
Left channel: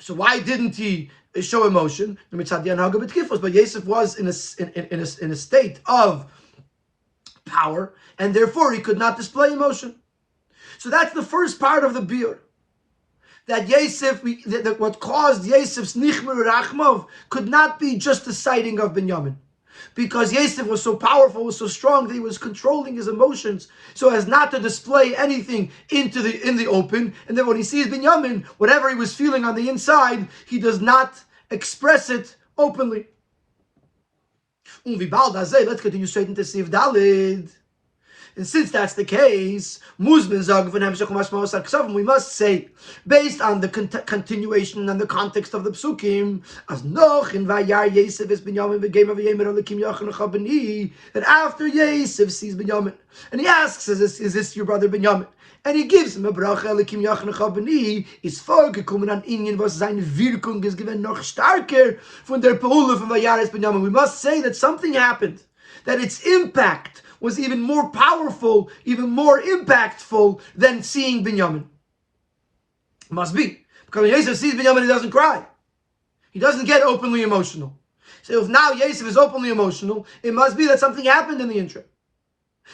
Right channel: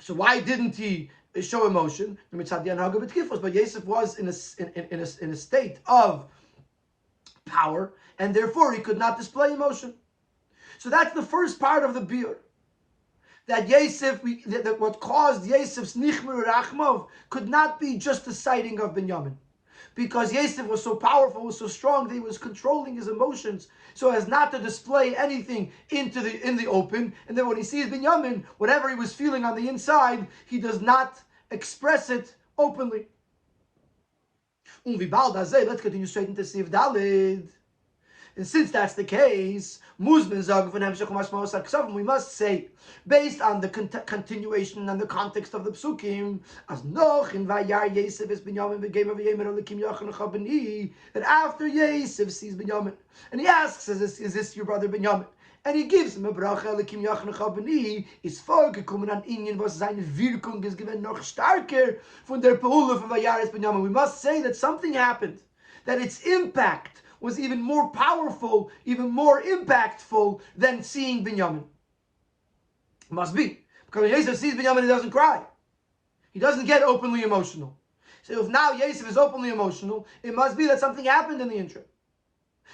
So why didn't he show emotion? But Yosef was in a state of power, and therefore he could not display emotion. So that's the first part of the biur. That Yosef, what caused Yosef's nichmer rachmov could not be just the sighting of Binyamin. Because Yosef was so powerful, was so strong that he was controlling his emotions so as not to display anything in the open. And then when he sees Binyamin, whatever he was feeling on the inside, he does not express it openly. Let's continue straight into Siv Dalid. And since that's the case, we must say, based on the continuation and the context of the psukim, as noch in Vayar Yosef is Binyamin v'geimer v'yemer alekim yachon chabani, that after Yosef sees Binyamin, and he asks, is this your brother Binyamin? And he gives him a bracha alekim yachon chabani, is vorgekommen an Inyan, was seine Wirkung ist gewesen noch starker von der Peule von Vayar is Binyamin. We must say that something happened, that its impact was even more powerful, even more impactful than seeing Binyamin. Must be. Because when Yosef sees Binyamin, he doesn't cry. He doesn't get openly emotional. So if now Yosef is openly emotional, it must be that something happened in the interim.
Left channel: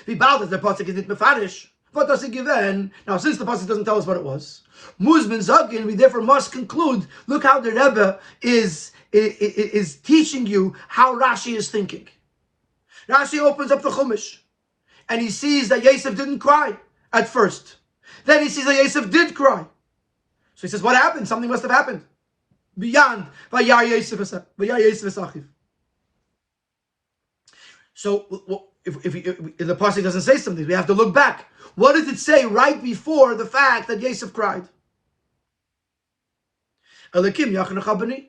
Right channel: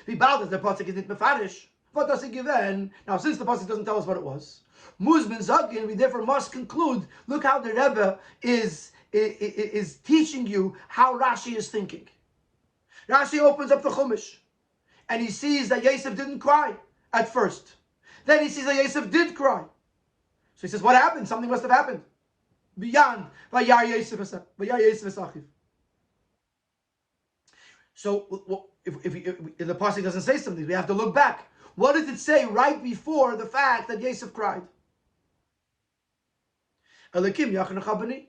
The pasuk is not mefarish. What does it give in? Now, since the pasuk doesn't tell us what it was, Muzmin Zagin, we therefore must conclude, look how the Rebbe is teaching you how Rashi is thinking. Rashi opens up the Chumash, and he sees that Yosef didn't cry at first. Then he sees that Yosef did cry. So he says, what happened? Something must have happened. Beyond Vayar Yosef Achiv. So if the pasuk doesn't say something, we have to look back. What does it say right before the fact that Yosef cried? Alekim Yachon Chabani.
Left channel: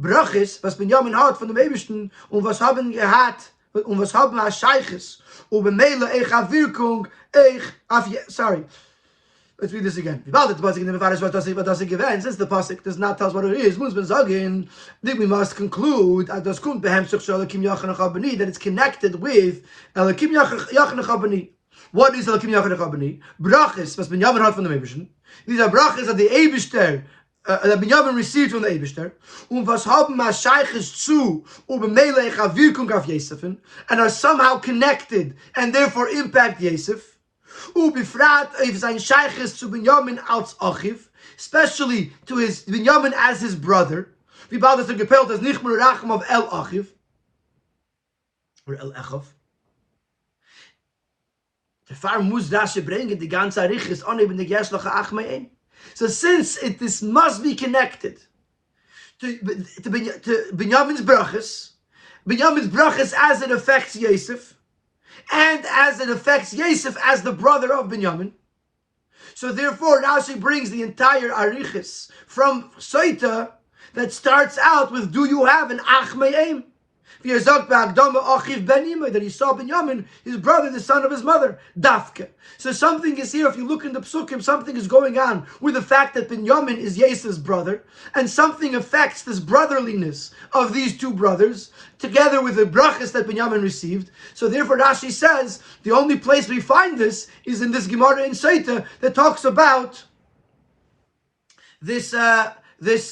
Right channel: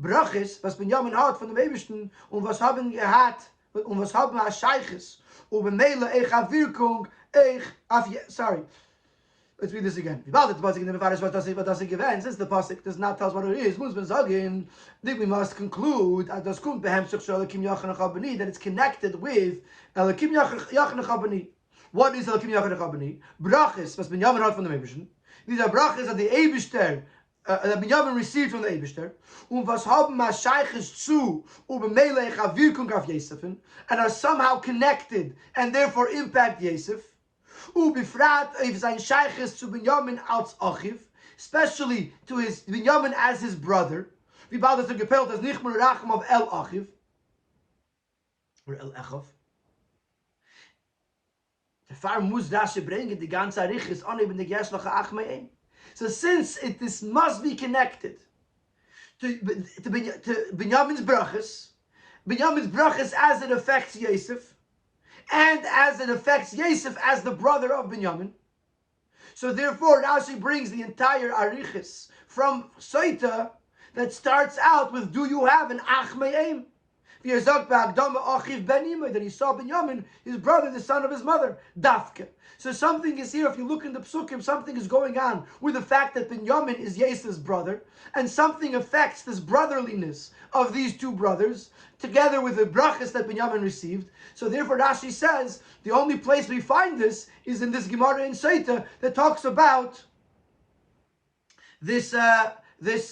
Brachis, was Binyamin hat von dem Eibishten, und was haben gehat, und was haben wir Scheiches, und bemele Wirkung, sorry. Let's read this again. What does it give? Since the pasuk does not tell us what it is, then we must conclude that it's connected with Elakim Yachon Chabani. What is Elakim Yachon Chabani? Brachis, was Binyamin hat von dem Eibishten. These are brachis that the Eibishter that Binyamin received from the Eibishter, was haben wir Scheiches zu, bemele Wirkung auf Yosef, and are somehow connected and therefore impact Yosef. Befrat if sein Sheiches zu Binyamin als Achiv, especially to his Binyamin as his brother. Wie bald ist gepelt as nicht mehr Rachem of El Achiv or El Echav. Der Far muss Rashi bringen die ganze Arichis an eben die Gershloche Achmein. So since this must be connected to Binyamin's brachas as it affects Yosef, and as it affects Yosef as the brother of Binyamin. So therefore, Rashi brings the entire Arichis from Soita that starts out with, do you have an Ach Me'em? That he saw Binyamin, his brother, the son of his mother, Dafke. So something is here, if you look in the Psukim, something is going on with the fact that Binyamin is Yosef's brother, and something affects this brotherliness of these two brothers, together with the brachas that Binyamin received. So therefore Rashi says, the only place we find this is in this Gemara in Seita that talks about this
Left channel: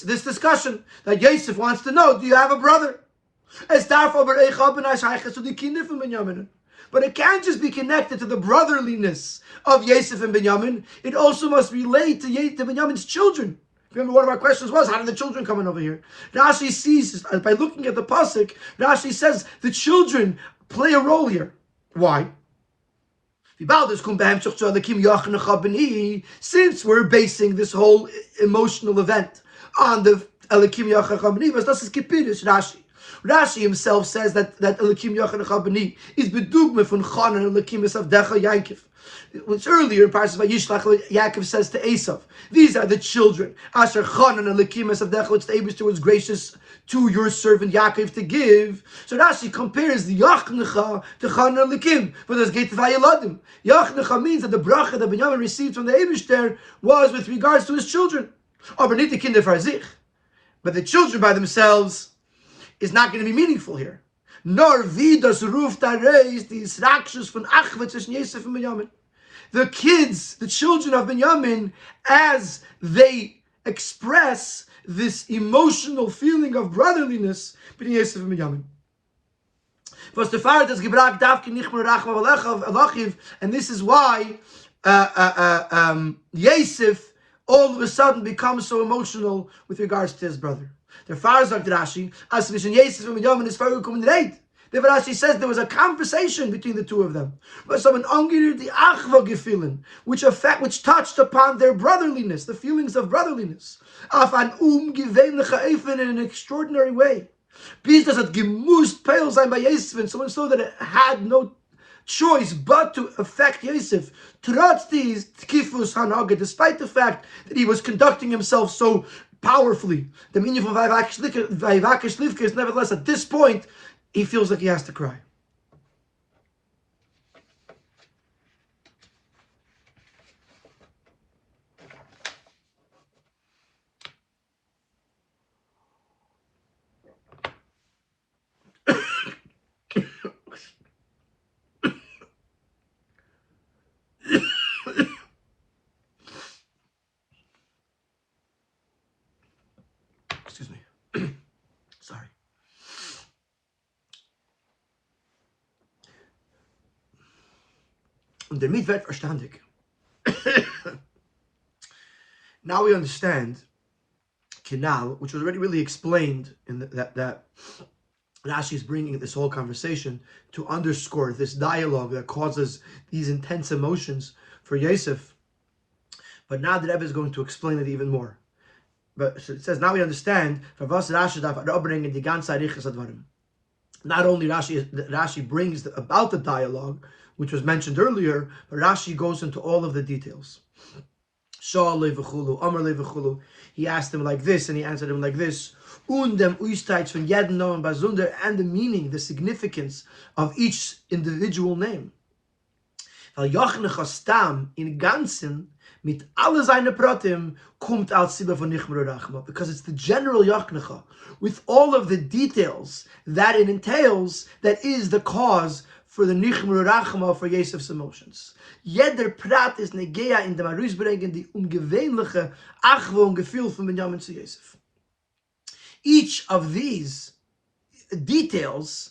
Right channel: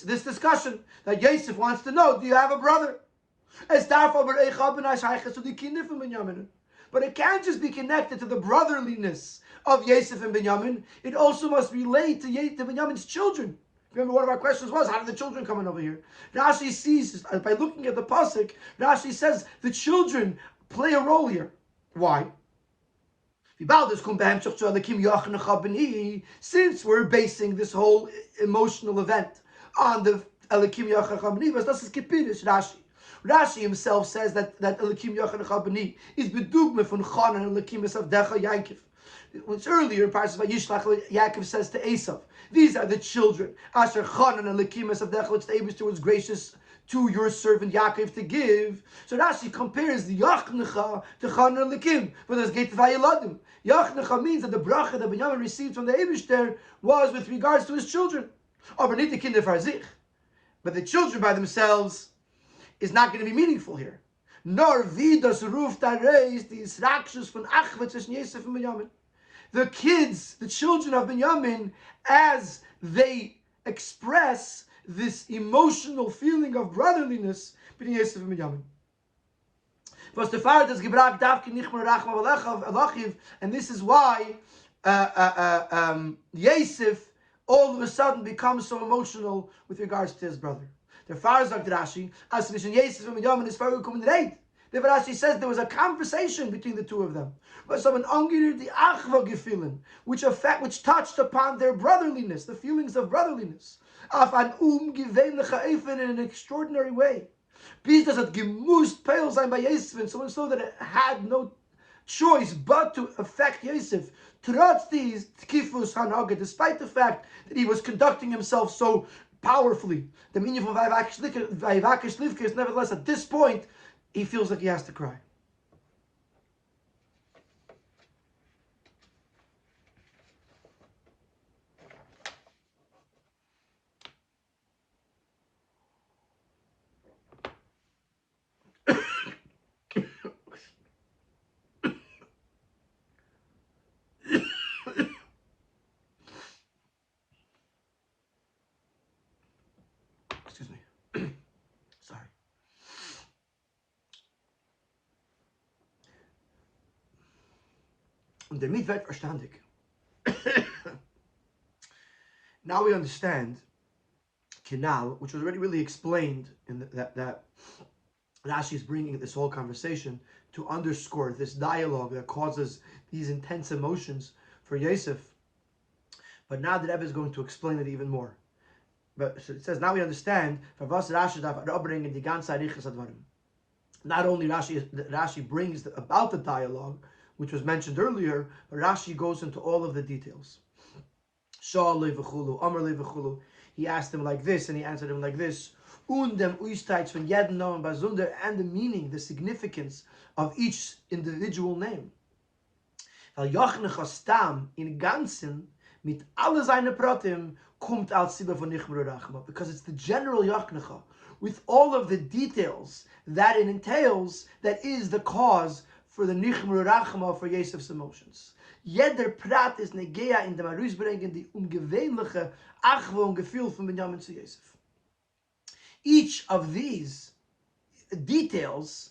discussion, that Yosef wants to know, do you have a brother? But it can't just be connected to the brotherliness of Yosef and Binyamin. It also must relate to Binyamin's children. Remember, one of our questions was, how did the children come in over here? Rashi sees, by looking at the pasuk, Rashi says the children play a role here. Why? Since we're basing this whole emotional event on the Elikim Yachar Chabani, das ist Kipidus, Rashi. Rashi himself says that Elikim Yachar Chabani is bedugma from Chan and Elikim of Decha Yaakov. Which earlier in Parashat Vayishlach, Yaakov says to Esav, these are the children, Asher Chan and Elikim of Decha, which the Eibishter was gracious to your servant Yaakov to give. So Rashi compares the Yachnecha to Chan and Elikim, but there's Geit Vayeladim. Yachnecha means that the bracha that Binyamin received from the Eibishter was with regards to his children. Aber nicht die Kinder für sich. But the children by themselves is not going to be meaningful here. Nor wie das ruft da reis, die Israkshus von Achwe zwischen Yosef and Binyamin. The kids, the children of Binyamin, as they express this emotional feeling of brotherliness between Yosef and Binyamin. Was the Fahrer das gebracht darf nicht mehr rachma alachiv, and this is why Yosef all of a sudden becomes so emotional with regards to his brother. The Fahrer sagt Rashi, as zwischen Yosef and Binyamin is vorgekommen reit. Therefore Rashi says there was a conversation between the two of them. But someone angeriert die achva gefühlen, which touched upon their brotherliness, the feelings of brotherliness. Auf an gewöhnliche Eifen in an extraordinary way. Bis das hat gemusst peil sein bei Yosef, so much so that it had no choice but to affect Yosef. Trotz dies tkifus hanage, despite the fact that he was conducting himself so powerfully. The meaning of Vayvakesh Livke is nevertheless at this point, he feels like he has to cry. Excuse me. Sorry. Und damit wird verstandig. Now we understand Kinal, which was already really explained in that Rashi is bringing this whole conversation to underscore this dialogue that causes these intense emotions for Yosef. But now the Rebbe is going to explain it even more. But so it says, now we understand, not only Rashi brings about the dialogue, which was mentioned earlier, but Rashi goes into all of the details. He asked him like this, and he answered him like this. And the meaning, the significance of each individual name. In Ganzen, mit alle seine Pratim, kommt als Sibbe von Nichmer Rachma, because it's the general Yachnecha, with all of the details that it entails, that is the cause for the Nichmer Rachma for Yosef's emotions. Jeder Prat is negea in dem Arusbrengen die ungewöhnliche Achwe und Gefühl von Binyamin zu Yosef. Each of these details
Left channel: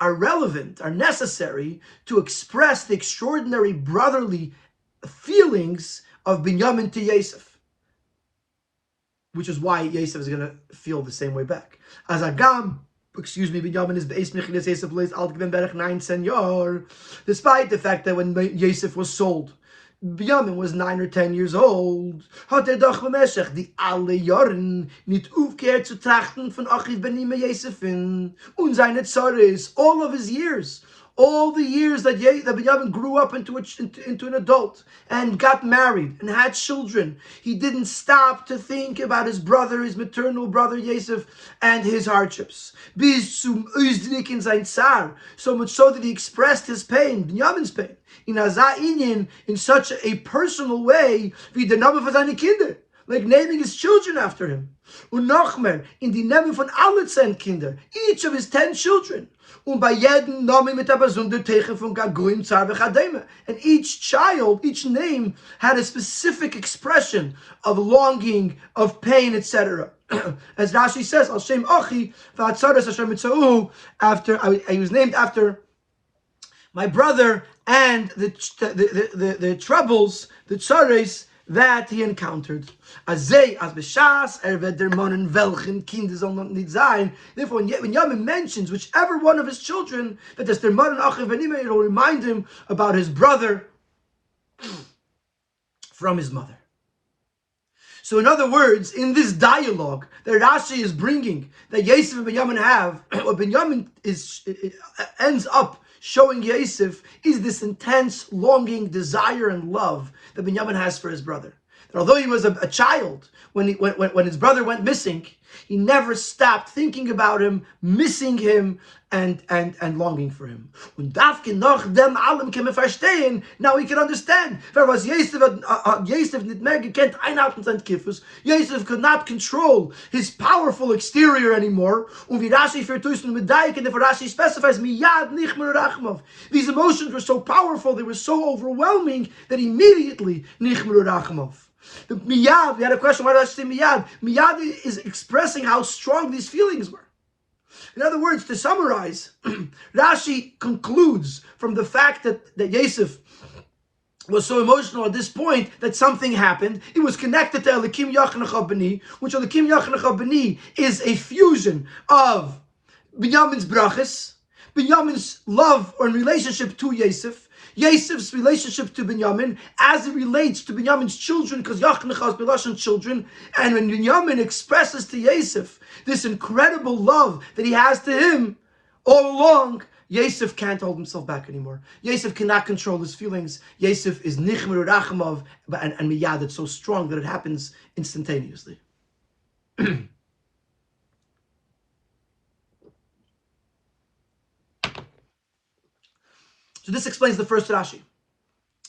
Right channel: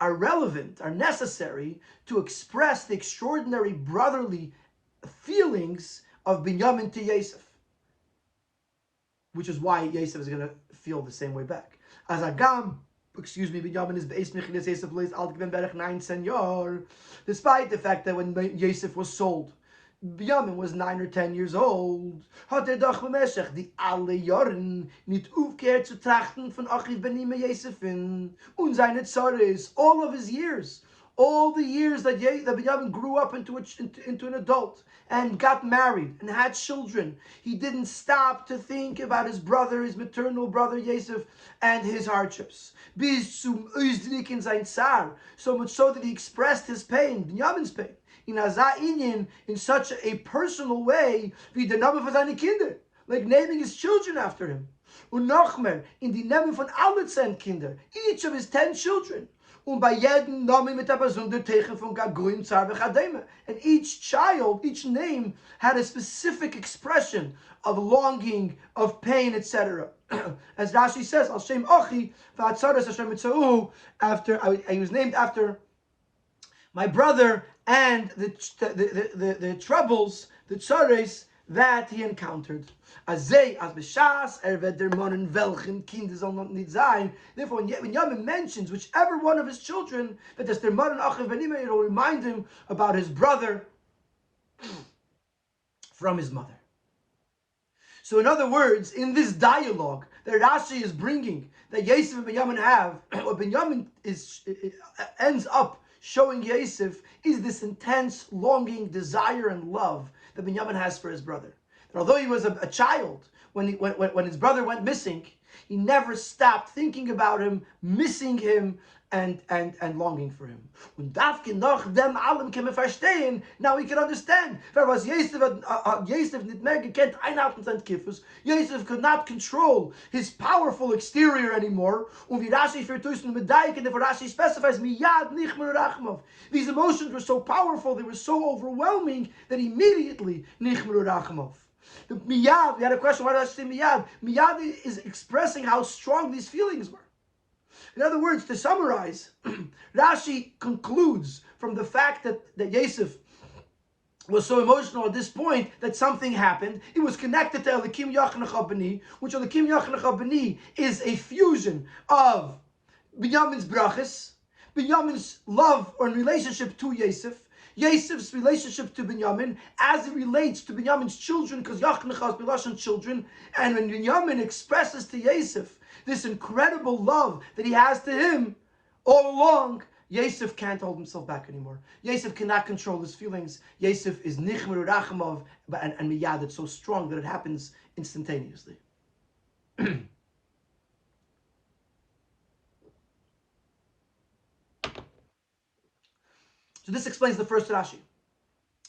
are relevant, are necessary to express the extraordinary brotherly feelings of Binyamin to Yosef, which is why Yosef is going to feel the same way back. As Agam, Binyamin is beis mechilas Yosef leis alt gewen berech 19 years, despite the fact that when Yosef was sold, Binyamin was 9 or 10 years old. Hat doch bemeshech die alle Jahren nicht aufgehört zu trachten von Achiv Benime Yosefin und seine Zorres, all of his years, All the years that Binyamin grew up into an adult and got married and had children, he didn't stop to think about his brother, his maternal brother Yosef, and his hardships. So much so that he expressed his pain, Binyamin's pain, in such a personal way, wie der Name von seinen Kinder, like naming his children after him. Und noch mehr, in die Namen von allen 10 Kinder, each of his 10 children. Und bei jedem Namen mit der besonderen Zeichen von Gagoyim, Zar v'Chadema. And each child, each name, had a specific expression of longing, of pain, etc. As Rashi says, Al Shem Ochi, v'Hatzaras Hashem Mitzau, after he was named after my brother and the troubles, the tzares that he encountered. Therefore, when Yamin mentions whichever one of his children, that there's their mother and achiv v'nimah, it will remind him about his brother from his mother. So in other words, in this dialogue that Rashi is bringing, that Yosef and Binyamin have, what Binyamin ends up showing Yosef is this intense longing, desire, and love that Binyamin has for his brother. That although he was a child, when his brother went missing, he never stopped thinking about him, missing him, and longing for him. Now he can understand. Yosef could not control his powerful exterior anymore. And Rashi specifies, these emotions were so powerful, they were so overwhelming, that immediately nichmeru rachmav. The miyad, we had a question, why did I say miyad? Miyad is expressing how strong these feelings were. In other words, to summarize, Rashi concludes from the fact that Yosef was so emotional at this point that something happened. It was connected to Elikim Yachanach B'ni, which Elikim Yachanach B'ni is a fusion of Binyamin's brachas, Binyamin's love or relationship to Yosef, Yosef's relationship to Binyamin as it relates to Binyamin's children, because Yachanach is Bilashon children, and when Binyamin expresses to Yosef this incredible love that he has to him all along, Yosef can't hold himself back anymore. Yosef cannot control his feelings. Yosef is nichmeru rachmav, and miyad, it's so strong that it happens instantaneously. So this explains the first Rashi.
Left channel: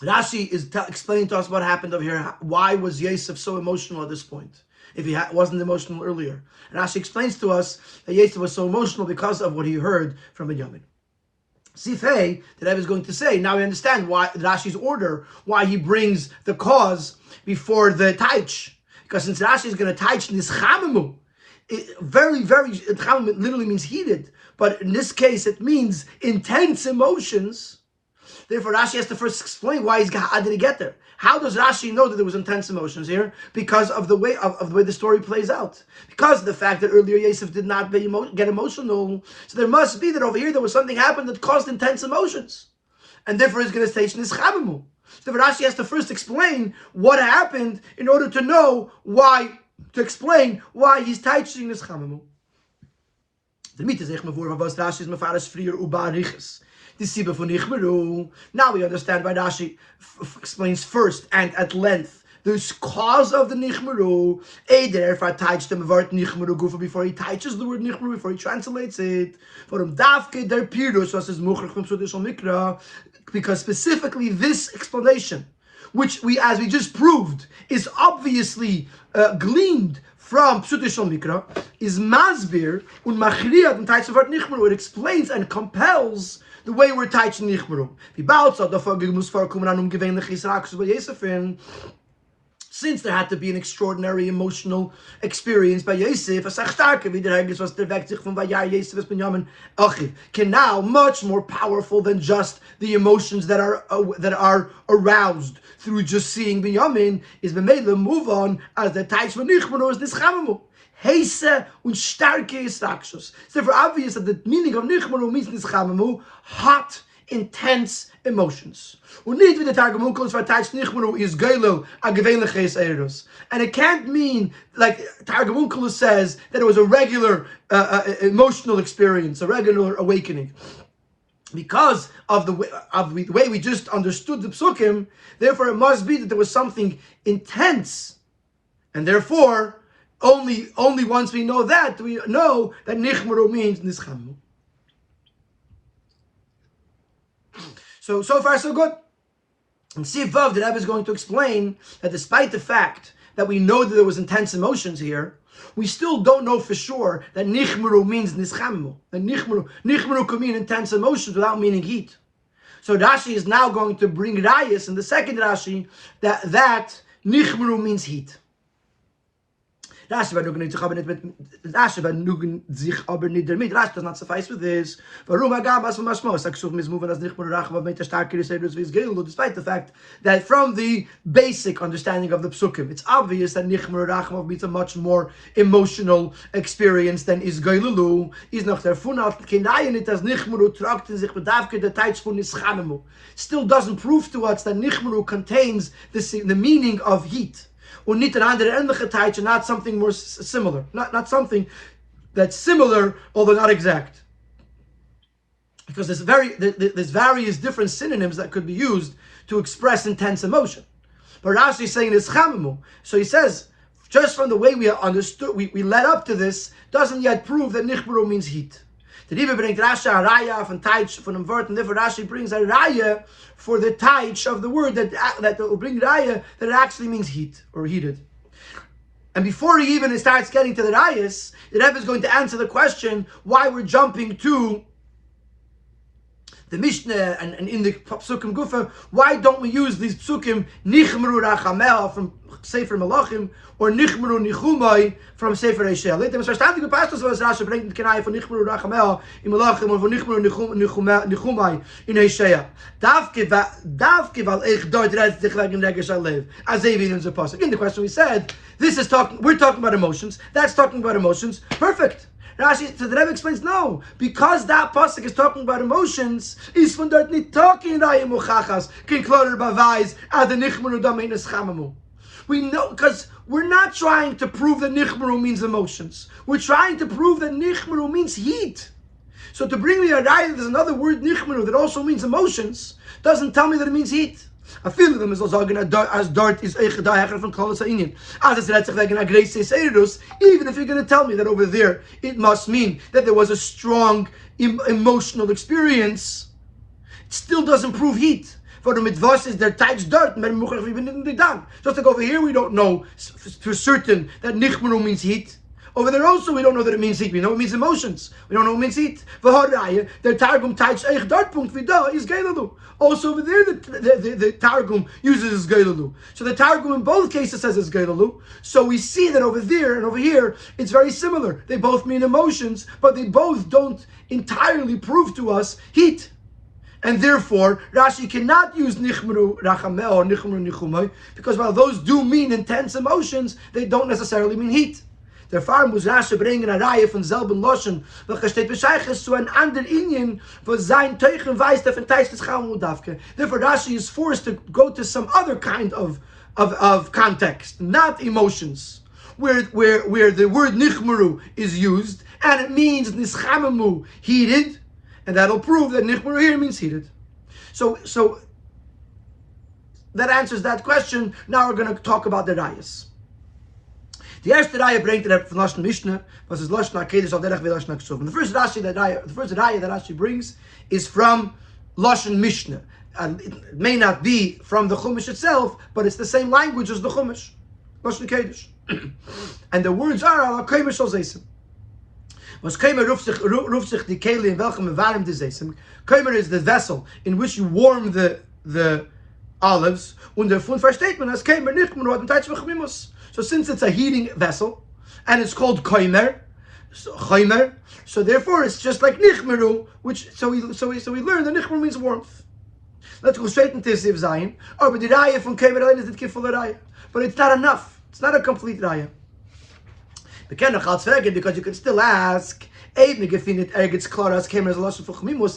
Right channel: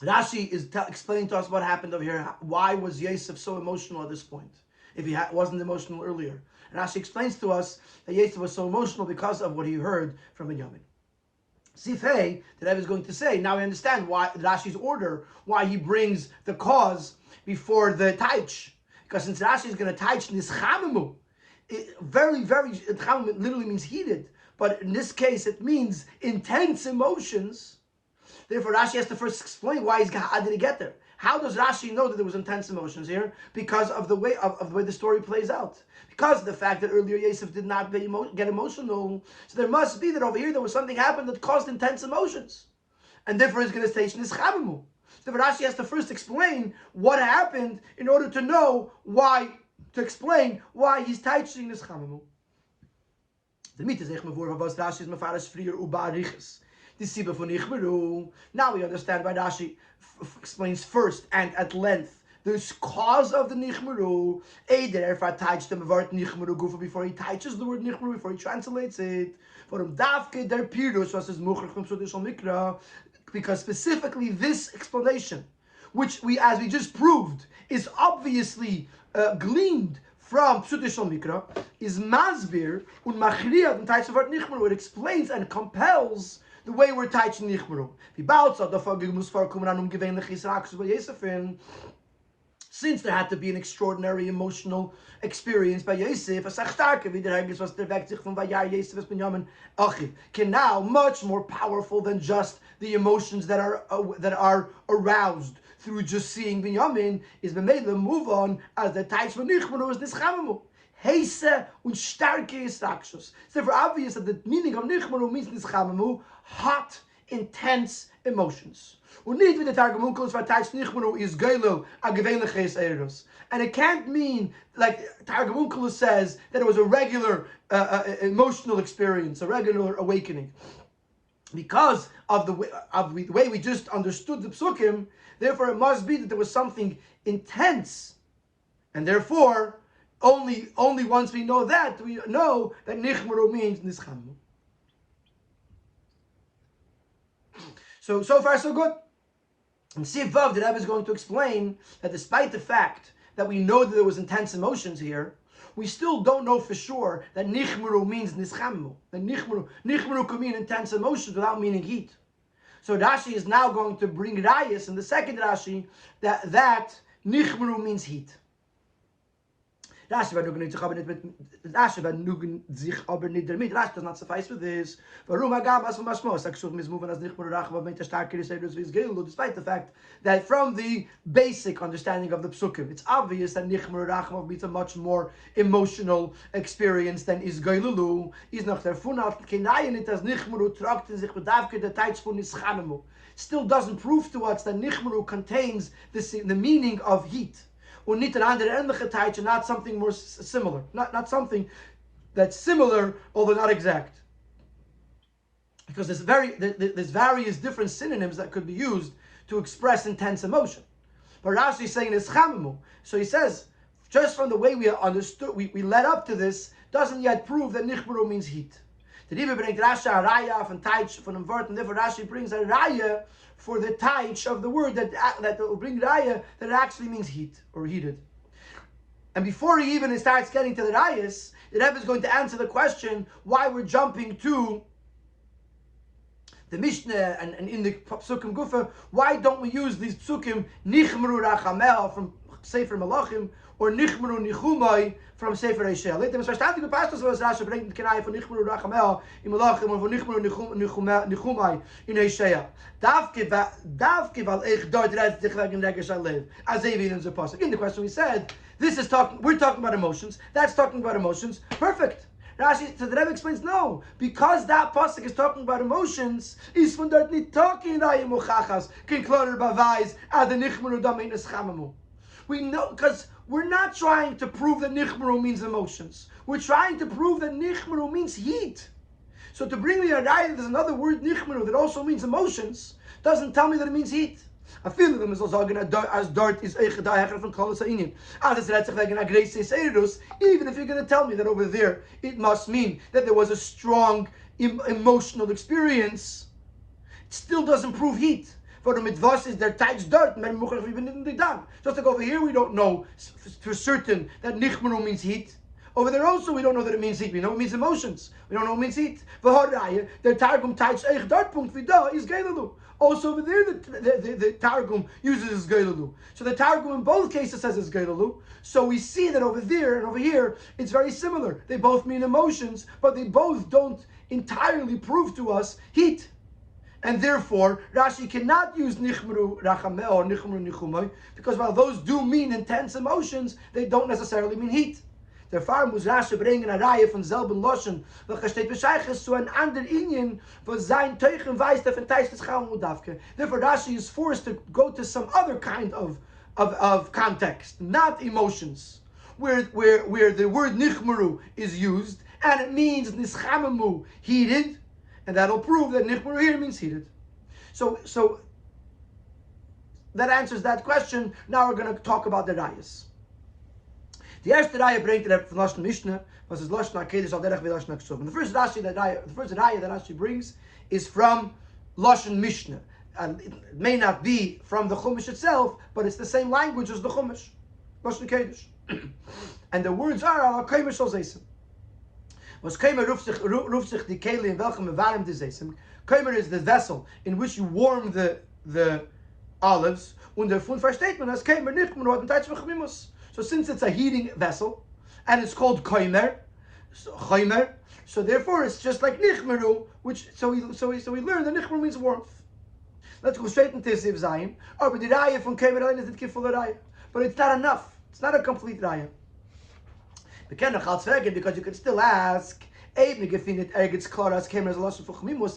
Rashi is explaining to us what happened over here. Why was Yosef so emotional at this point, if he wasn't emotional earlier? And Rashi explains to us that Yosef was so emotional because of what he heard from Binyamin. Sifei, that I was going to say, now we understand why Rashi's order, why he brings the cause before the taich. Because since Rashi is going to taich nischamamu, it literally means heated, but in this case it means intense emotions. Therefore, Rashi has to first explain how did he get there? How does Rashi know that there was intense emotions here? Because of the way the story plays out. Because of the fact that earlier Yosef did not get emotional. So there must be that over here there was something happened that caused intense emotions. And therefore he's going to station this chamamu. So therefore Rashi has to first explain what happened in order to know why, to explain why he's teaching this chamamu. The meat is Rashi is mefarish frier ubariches. Now we understand why Rashi explains first and at length the cause of the nichmeru. Before he touches the word nichmeru, before he translates it, because specifically this explanation, which as we just proved, is obviously gleaned from Pshutei Shel Mikra, is masbir und machriyat and taich v'art nichmeru. It explains and compels the way we're teaching nichmeru. Since there had to be an extraordinary emotional experience by Yosef, can now much more powerful than just the emotions that are aroused through just seeing Binyamin, is b'meila move on as the teich von nichmeru is nischamamu. Heise und starke Israkshus. It's therefore obvious that the meaning of nichmeru means nischamamu, hot, intense emotions. Und nicht wie der Targum Onkel verteilt nichmeru is geilo a gewöhnliches eros. And it can't mean, like Targum Onkel says, that it was a regular emotional experience, a regular awakening. because of the way we just understood the psukim, therefore it must be that there was something intense, and therefore only once we know that, we know that nichmaru means nischamu. So far so good. And Siv Vav, the Rebbe is going to explain that despite the fact that we know that there was intense emotions here, we still don't know for sure that nichmaru means nischamu. That nichmaru could mean intense emotions without meaning heat. So Rashi is now going to bring rayas in the second Rashi that nichmaru means heat. Rashi does not suffice with this. Despite the fact that from the basic understanding of the psukim, it's obvious that nichmar rachmav means a much more emotional experience than is geilulu. Still doesn't prove to us that nichmaru contains the meaning of heat. Or not something more similar, not something that's similar although not exact, because there's various different synonyms that could be used to express intense emotion. But Rashi is saying it's chamamu, so he says just from the way we understood, we led up to this, doesn't yet prove that nichmaru means heat. The Rebbe brings Rashi a raya from taich from the word, and therefore Rashi brings a raya for the taich of the word that will bring raya that it actually means heat or heated. And before he even starts getting to the rayas, the Rebbe is going to answer the question why we're jumping to the Mishnah and in the Psukim Gufa. Why don't we use these Psukim Nichmru Rachamel from Sefer Malachim or Nichmru Nichumai from Sefer Eishel? Let them understand the pastors was Rashi bringing the Kenai for Nichmru Rachamel in Malachim or for Nichmru Nichumai in Eishel. Davke val ich dort redt dich wegen Regesh Alev. As David in the pasuk. In the question we said, we're talking about emotions. That's talking about emotions. Perfect. Rashi, so the Rebbe explains, no, because that pasuk is talking about emotions, is von dort nicht talking raya muchachas, kin klorer bavais, ad nichmaru dameines chamamu. We know, because we're not trying to prove that nichmaru means emotions. We're trying to prove that nichmaru means heat. So to bring me a raya that there's another word nichmaru that also means emotions, doesn't tell me that it means heat. I feel them as as dart is from Kolos Ha'inyan. As it's retzach wegen a grace seirus. Even if you're going to tell me that over there it must mean that there was a strong emotional experience, it still doesn't prove heat. For the mitvos is their tight dirt. Just like over here, we don't know for certain that nichmaru means heat. Over there also, we don't know that it means heat. We know it means emotions. We don't know it means heat. The Targum tights eich dart punkt vida is geilalu. Also over there, the Targum uses geilalu. So the Targum in both cases says it's geilalu. So we see that over there and over here, it's very similar. They both mean emotions, but they both don't entirely prove to us heat. And therefore, Rashi cannot use nichmru rachamel or nichmru nichumai, because while those do mean intense emotions, they don't necessarily mean heat. Therefore muss Rashi bringen a Reihe von selben Loschen, welcher steht bescheiches zu ein ander Inyan, wo sein Teuchen weiß, der von Teich des Chaumu Davke. Therefore Rashi is forced to go to some other kind of context, not emotions, where the word nichmuru is used, and it means nischamamu, heated, and that'll prove that nichmuru here means heated. So that answers that question. Now we're going to talk about the Rayas. The erste Raya bringt er from Lashon Mishnah, was is Lashon HaKedesh al derech v'Lashon HaKshuv. The first Raya that Rashi brings is from Lashon Mishnah. And it may not be from the Chumash itself, but it's the same language as the Chumash, Lashon Kedesh. And the words are al HaKemer shal Zeisim. Was Kemer ruft sich die Kehle in welchem mevarem de Zeisim. Kemer is the vessel in which you warm the olives. Und davon versteht man, as Kemer nicht mehr hat ein Teitz v'chmimus. So since it's a heating vessel, and it's called koimer, so therefore it's just like nichmeru, so we learn that nichmeru means warmth. Let's go straight into Siv Zayin. Oh, but the raya from koimer is the kiful raya, but it's not enough. It's not a complete raya. Because you can still ask, if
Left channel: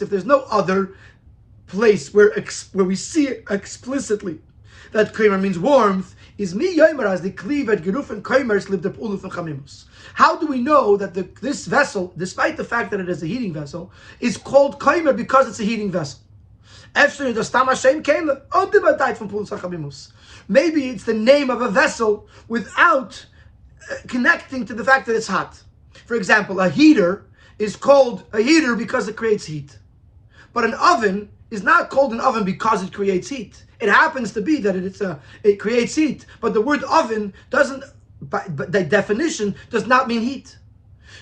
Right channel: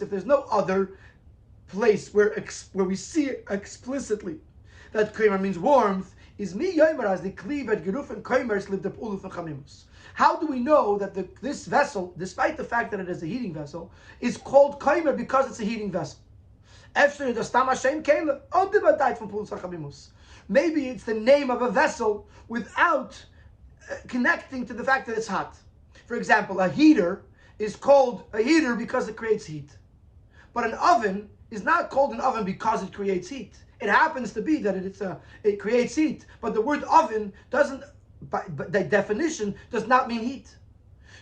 there's no other place where we see explicitly that koimer means warmth, is mi yomer as the cleave at gerufen koimers live the uluf and chamimus. How do we know that this vessel, despite the fact that it is a heating vessel, is called koimer because it's a heating vessel? Maybe it's the name of a vessel without connecting to the fact that it's hot. For example, a heater is called a heater because it creates heat. But an oven is not called an oven because it creates heat. It happens to be that it creates heat, but the word oven doesn't, by definition, does not mean heat.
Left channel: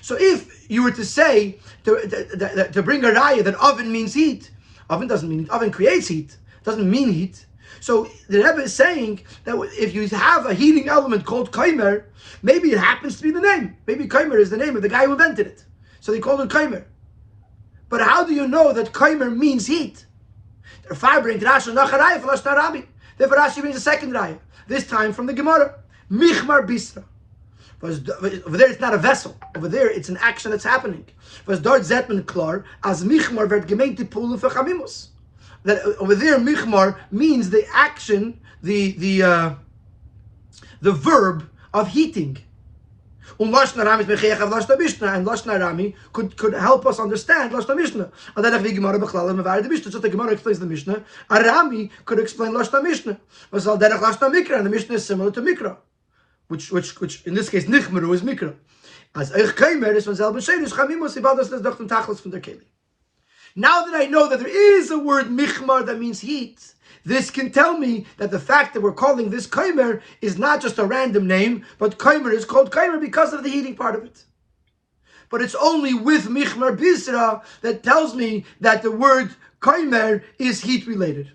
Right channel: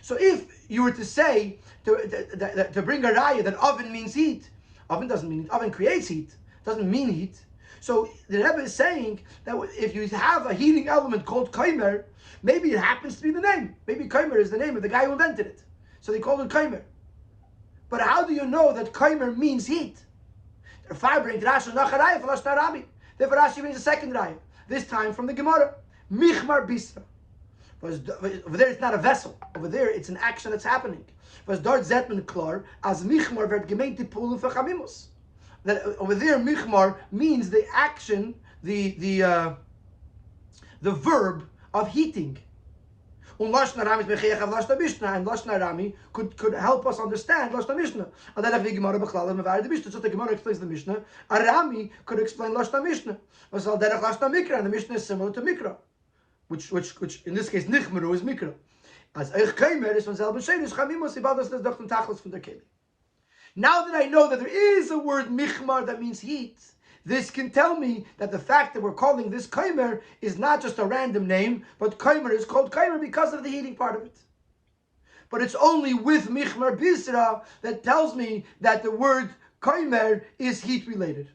So if you were to say, to bring a raya that oven means heat, oven doesn't mean heat. Oven creates heat, doesn't mean heat. So the Rebbe is saying that if you have a heating element called kaimer, maybe it happens to be the name. Maybe kaimer is the name of the guy who invented it. So they called it kaimer. But how do you know that kaimer means heat? Therefore, Rashi brings a second raya, this time from the Gemara. Michmar bisra. Over there, it's not a vessel. Over there, it's an action that's happening. Was dort zetman klar as michmar werd gemeint pulen for chamimus. That over there, michmar means the action, the verb of heating. And Lashon Arami could help us understand Lashon Mishnah. And then the Gemara so the Gemara explains the Mishnah. Arami could explain Lashon Mishnah. And the Mishnah is similar to Mikra, which in this case Nichmeru is Mikra. As Eich Keimer is von selben Sheidisch Chamimus Ibadas des Dochten Tachlis von der Keli. Now that I know that there is a word Michmar that means heat, this can tell me that the fact that we're calling this kaimer is not just a random name, but kaimer is called kaimer because of the heating part of it. But it's only with michmar bisra that tells me that the word kaimer is heat related.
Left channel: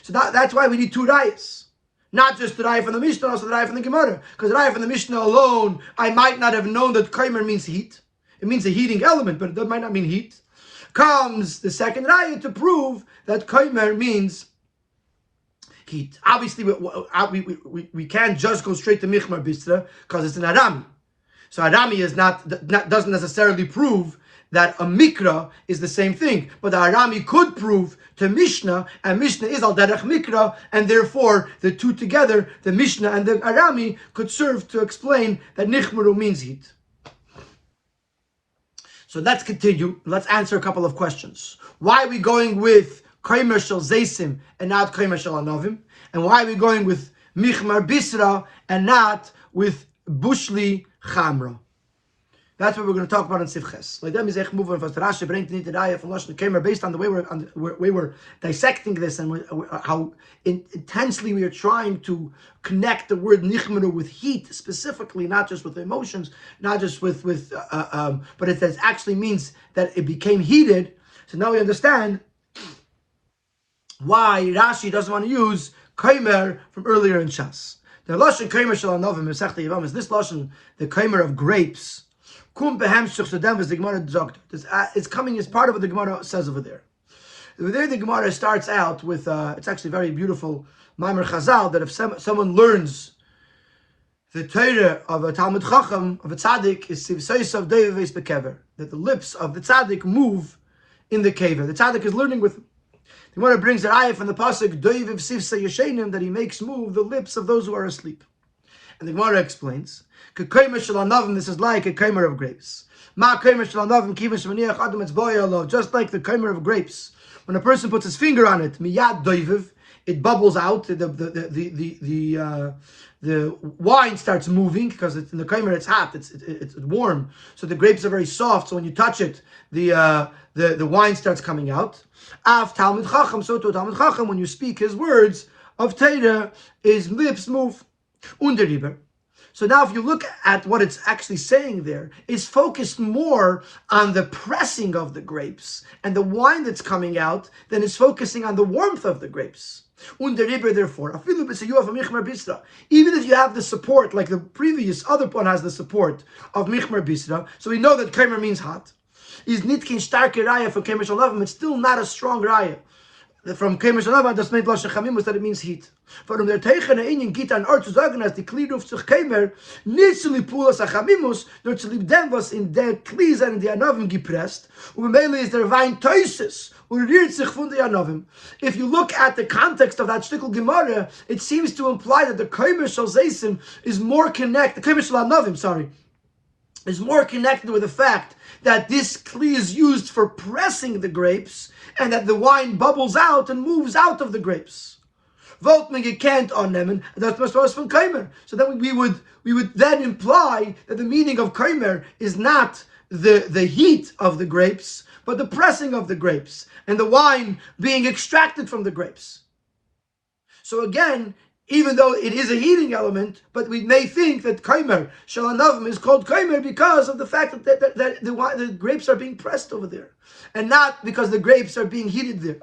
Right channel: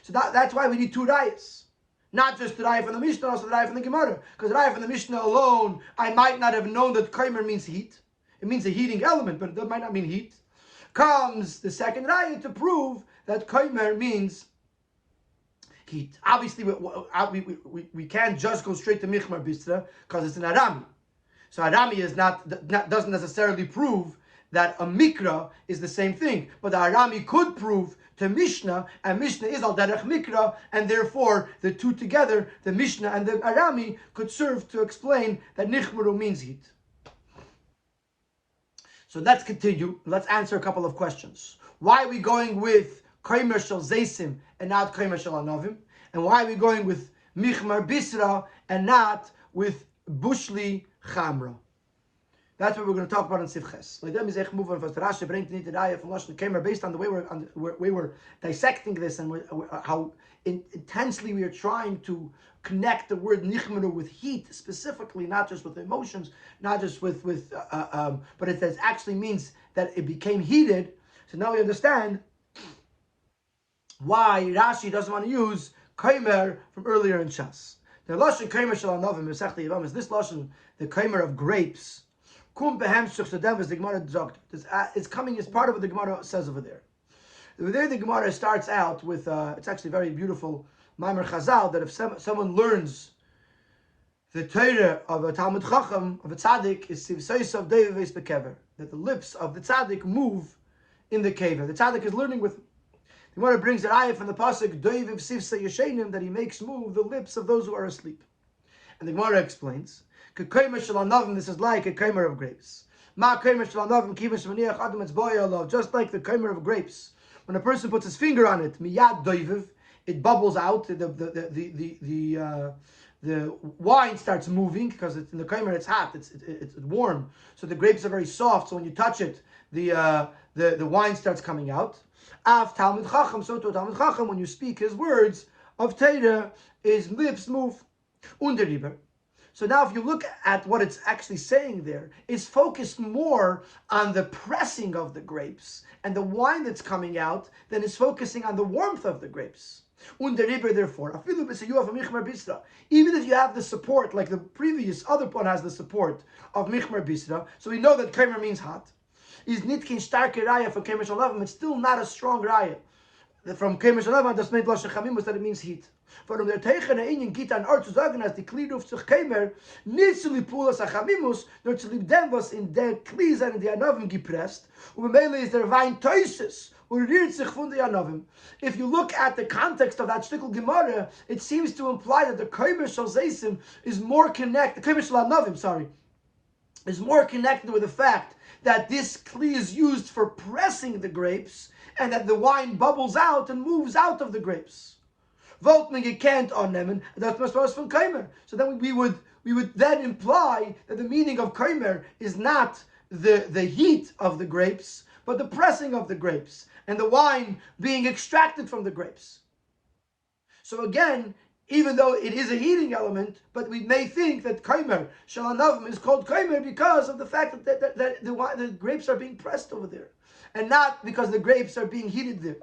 So that's why we need two rayas. Not just the raya from the Mishnah, also the raya from the Gemara. Because the raya from the Mishnah alone, I might not have known that kaimer means heat. It means a heating element, but it might not mean heat. Comes the second raya to prove that kaimer means heat. Obviously, we can't just go straight to Michmar Bisra because it's an Arami. So Arami is doesn't necessarily prove that a Mikra is the same thing. But the Arami could prove to Mishnah, and Mishnah is Al Derech Mikra, and therefore the two together, the Mishnah and the Arami, could serve to explain that Nichmaru means heat. So let's continue. Let's answer a couple of questions. Why are we going with Kaimer Shel Zeisim and not Kaimer Shel Anovim? And why are we going with Michmar Bisra and not with Bushli Chamra? That's what we're going to talk about in Sivches. Like them is echt moving from Rashi bringt nicht the raya from Lashon Kaimer based on the way we're dissecting this and how intensely we are trying to connect the word Nichmeru with heat specifically, not just with emotions, not just with but it actually means that it became heated. So now we understand why Rashi doesn't want to use Kaimer from earlier in Shas. The Lashon Kaimer Shel Anovim Mesechta Yavam is this Lashon, the Kaimer of grapes. Kum behemshich sedem is the Gemara zogt. It's coming as part of what the Gemara says over there. Over there, the Gemara starts out with it's actually very beautiful Maimer Chazal that if someone learns the Torah of a Talmud Chacham of a tzaddik is sivseis of deveis bekever, that the lips of the tzaddik move in the kever. The tzaddik is learning with him. The Gemara brings an ayah from the pasuk Doiviv Sivsa Yeshenim that he makes move the lips of those who are asleep. And the Gemara explains, Kekaimer Shel Anovim, this is like a kaimer of grapes. Ma kaimer Shel Anovim kivin shemaniach adam etzboyalo, just like the kaimer of grapes. When a person puts his finger on it, miyad doiviv, it bubbles out. The wine starts moving because in the kaimer it's hot, it's warm. So the grapes are very soft. So when you touch it, the wine starts coming out. Av Talmud Chacham, so to Talmud Chacham, when you speak his words of Torah, his lips move. Underriber. So now if you look at what it's actually saying there, it's focused more on the pressing of the grapes and the wine that's coming out than it's focusing on the warmth of the grapes. Underriber, therefore, even if you have the support, like the previous other one has the support of Michmar Bisra, so we know that Kaimer means hot. Is nitkin starke raya for Kaimer Shalavim, it's still not a strong raya. from Kemer Shalava, das meint Lashon Chamimus, that it means heat. But der Teichen Inyan Gita an Ort zu sagen, as die Kli ruft sich Kemer, nicht zu lieb Pulas Achamimus, nur zu lieb dem, was in der Kli sind, in die Anavim gepresst, und Mele ist der Wein Teuses, und rührt sich von der Anavim. If you look at the context of that shtickle Gemara, it seems to imply that the Kemer Shal Zeisim is more connected, the Kemer Shal Anavim, sorry, is more connected with the fact that this kli is used for pressing the grapes and that the wine bubbles out and moves out of the grapes. Voltmenge can't on them, and that's was from Kaimer. So then we would then imply that the meaning of Kaimer is not the heat of the grapes, but the pressing of the grapes and the wine being extracted from the grapes. So again, even though it is a heating element, but we may think that Kaimer, Shalanavim, is called Kaimer because of the fact that the grapes are being pressed over there, and not because the grapes are being heated there.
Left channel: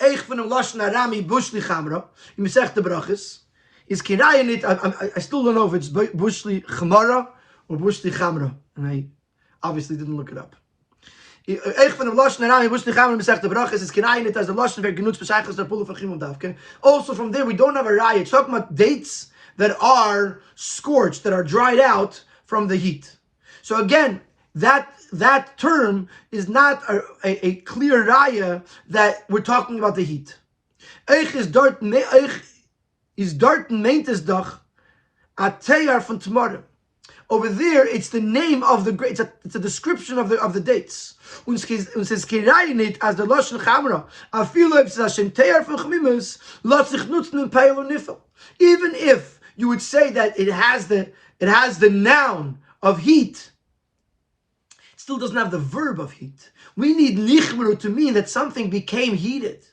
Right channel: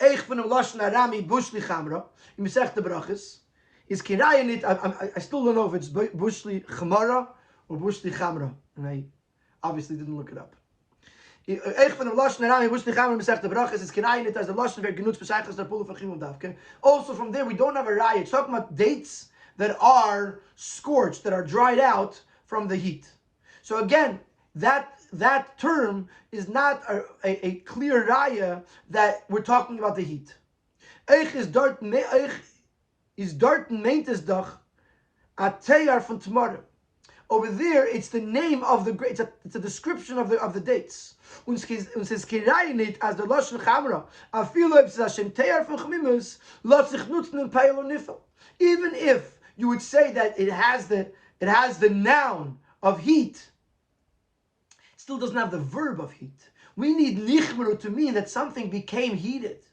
Eich van hem Lashon Arami Bushli Chamra, in Masechta Brachos, is Kirayanit, I still don't know if it's Bushli Chamara or Bushli Chamra, and I obviously didn't look it up. Eich van hem Lashon Arami Bushli Chamra in Masechta Brachos is Kirayanit as the Lashon Ver Genutz B'Sheichas Der Pulu Fachim Davke. Also from there we don't have a raya. It's talking about dates that are scorched, that are dried out from the heat. So again, that term is not a clear raya that we're talking about the heat. Eich is dort meintes doch a teyar von Tmara. Over there, it's the name of the grapes. It's a description of the dates. Und says Kirayinit as the Lashon Chamra. Afilo if Hashem teyar von Chmimus lot sich nutzen in Peil und Nifel. Even if you would say that it has the noun of heat, it still doesn't have the verb of heat. We need nichmeru to mean that something became heated.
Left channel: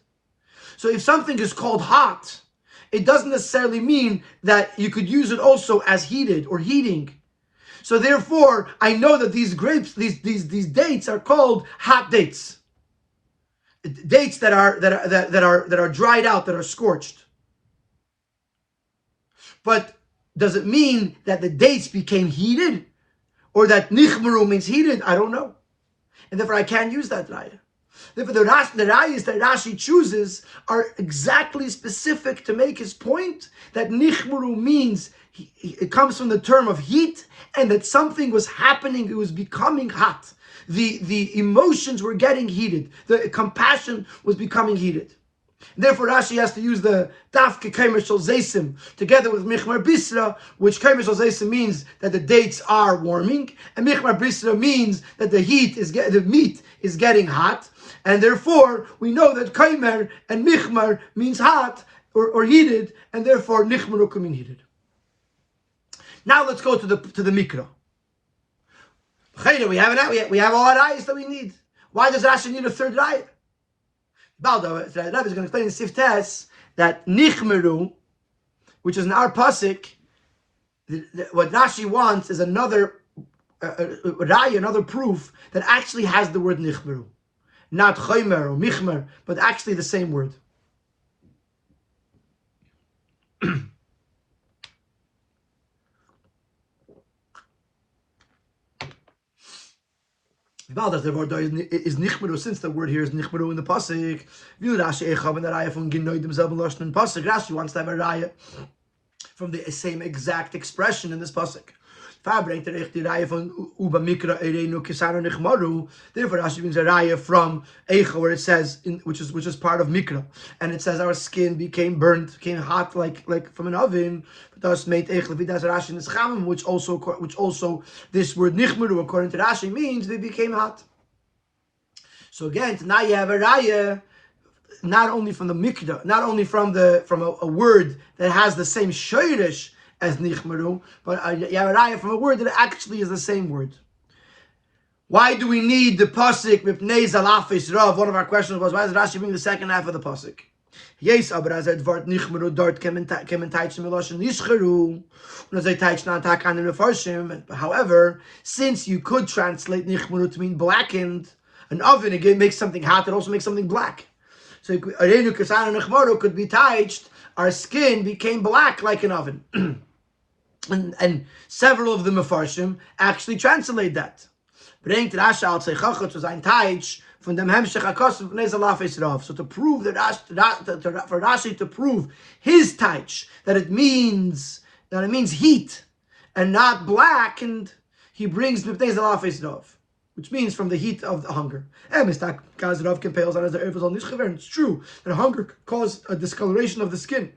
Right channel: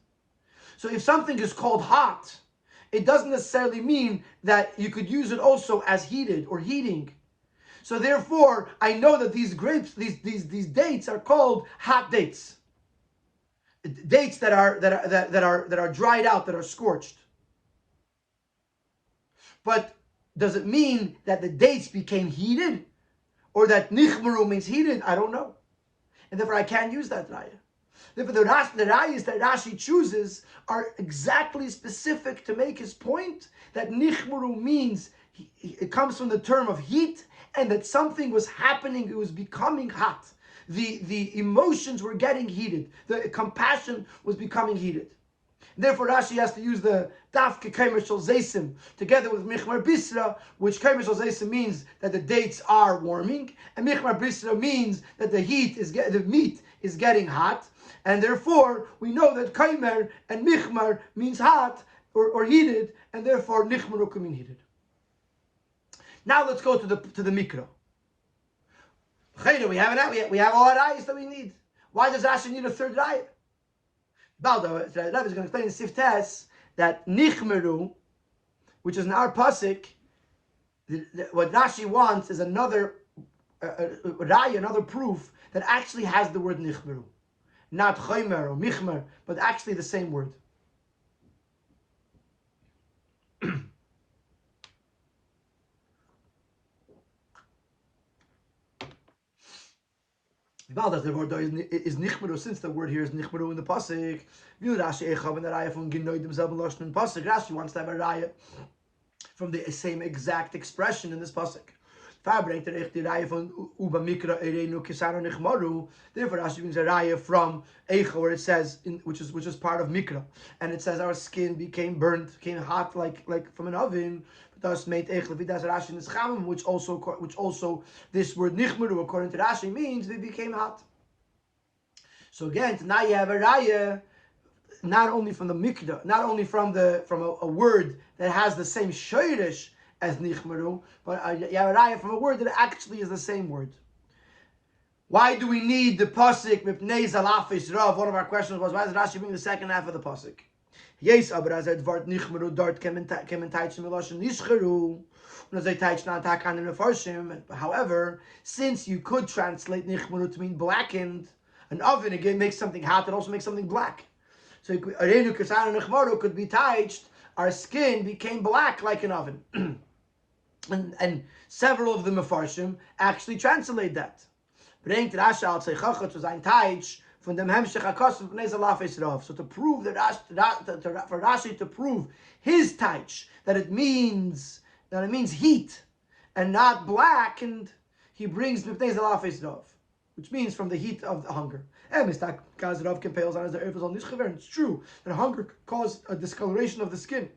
So if something is called hot, it doesn't necessarily mean that you could use it also as heated or heating. So therefore, I know that these grapes, these dates are called hot dates. Dates that are dried out, that are scorched. But does it mean that the dates became heated? Or that nichmeru means heated? I don't know. And therefore I can't use that raya. Therefore the rayas that Rashi chooses are exactly specific to make his point that nichmeru means, it comes from the term of heat, and that something was happening, it was becoming hot. The emotions were getting heated. The compassion was becoming heated. Therefore, Rashi has to use the Dafke Kaimer Shal Zeisim together with Michmar Bisra, which Kaimer Shal Zeisim means that the dates are warming, and Michmar Bisra means that the meat is getting hot, and therefore we know that Kaimer and Michmar means hot or heated, and therefore Nichmaru can mean heated. Now let's go to the Mikra. We have all our ayahs that we need. Why does Rashi need a third ayah? Baldo, the Rabbi is going to explain in Siftes that Nichmeru, which is in our pasuk, what Rashi wants is another raya, another proof that actually has the word Nichmeru, not Chaymer or Michmer, but actually the same word. That the word is nichmeru, since the word here is nichmeru in the pasuk. Rashi wants to have a raya from the same exact expression in this pasuk. Therefore, Rashi brings a raya from Eicha, where it says, which is part of Mikra, and it says our skin became burnt, became hot like from an oven. Thus made Eicha Vidas Rashi in this Chamim, which also this word Nichmeru, according to Rashi, means they became hot. So again, now you have a raya not only from the Mikra, not only from a word that has the same shoyrish as Nichmeru, but you have a raya from a word that actually is the same word. Why do we need the pasuk Mipnei Zalafis Rav? One of our questions was, why does Rashi bring the second half of the pasuk? Yes, aber as Wort Nichmeru dort kemen teitschen Miloshen Nishcheru, und as teitschen Antak an den Mefarshim. However, since you could translate Nichmeru to mean blackened, an oven again makes something hot, it also makes something black. So Arenu Kasana Nichmeru could be teitched, our skin became black like an oven. And several of the Mefarshim actually translate that. bringt Rasha al Zeichacha zu sein Teich von dem Hemshech HaKosim von Nezalafes Rav. So to prove that for Rashi to prove his Teich, that it means heat and not blackened, he brings Nezalafes Rav, which means from the heat of the hunger. It's true that hunger could cause a discoloration of the skin.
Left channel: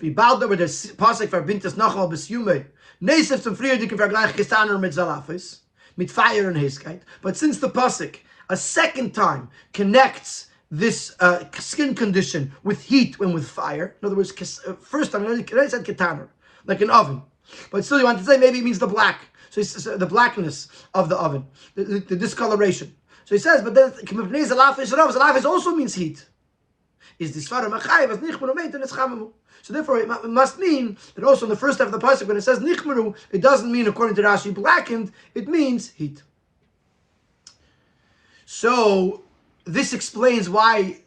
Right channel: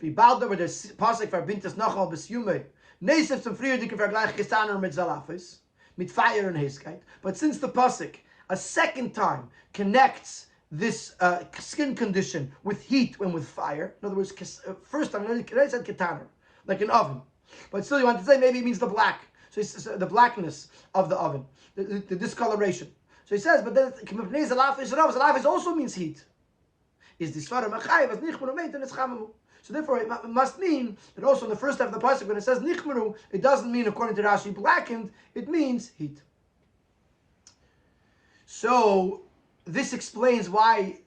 Wie bald aber der Pasuk verbindet es nochmal bis Jume. Nesef zum früher die Vergleich gestaner mit Zalafis, mit fire and Heskeit. But since the Pasuk a second time connects this skin condition with heat and with fire, in other words, first time I said ketaner, like an oven. But still you want to say maybe it means the black. So it's the blackness of the oven, the discoloration. So he says, but then Zalafis also means heat. Is this far machayev as nichmeru meit and it's chamamu. So therefore, it must mean that also in the first half of the pasuk, when it says nichmeru, it doesn't mean, according to Rashi, blackened. It means heat. So this explains why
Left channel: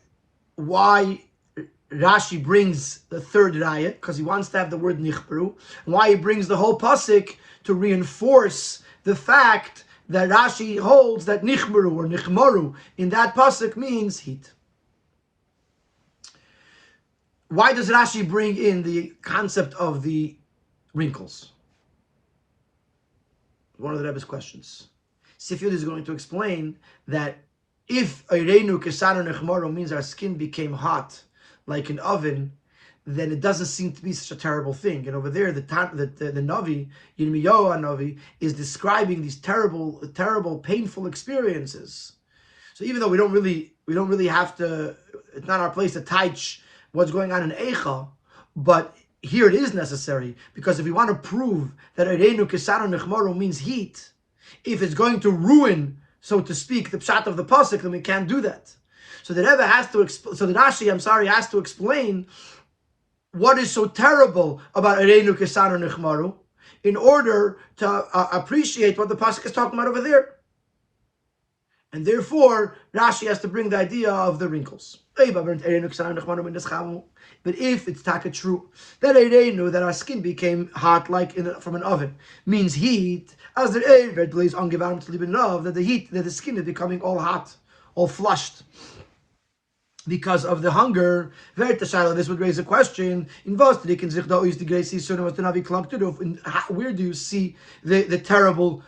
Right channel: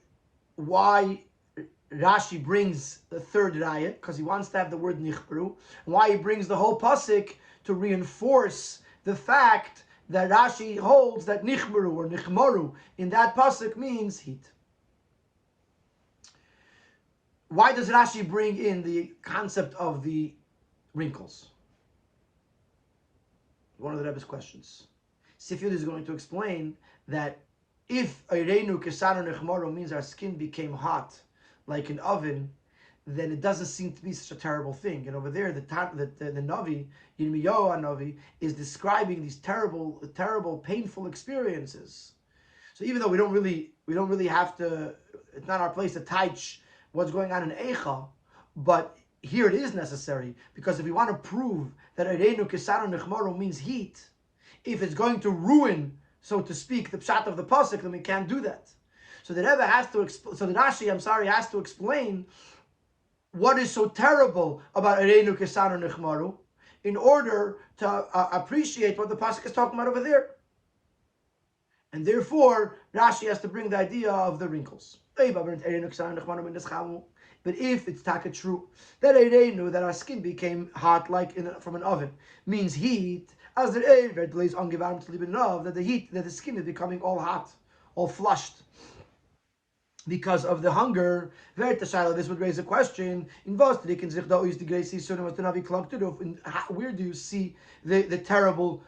Rashi brings the third raya, because he wants to have the word nichmeru, and why he brings the whole pasuk to reinforce the fact that Rashi holds that nichmeru or nichmaru in that pasuk means heat. Why does Rashi bring in the concept of the wrinkles? One of the Rebbe's questions. Sifyud is going to explain that if Eirenu Kesanu Nechmaru means our skin became hot like an oven, then it doesn't seem to be such a terrible thing. And over there, the Navi, Yirmiyahu Navi, is describing these terrible, painful experiences. So even though we don't really have to, it's not our place to teach what's going on in Eicha, but here it is necessary, because if we want to prove that Eirenu Kesanu Nechmaru means heat, if it's going to ruin, so to speak, the pshat of the pasuk, then we can't do that. So the Rebbe has to, Rashi has to explain what is so terrible about Eirenu Kesanu Nechmaru in order to appreciate what the pasuk is talking about over there. And therefore, Rashi has to bring the idea of the wrinkles. But if it's taka true that Eirenu, that our skin became hot like from an oven, means heat, as the blaze angewarmt love, that the heat, that the skin is becoming all hot, all flushed, because of the hunger. This would raise a question: where do you see the terrible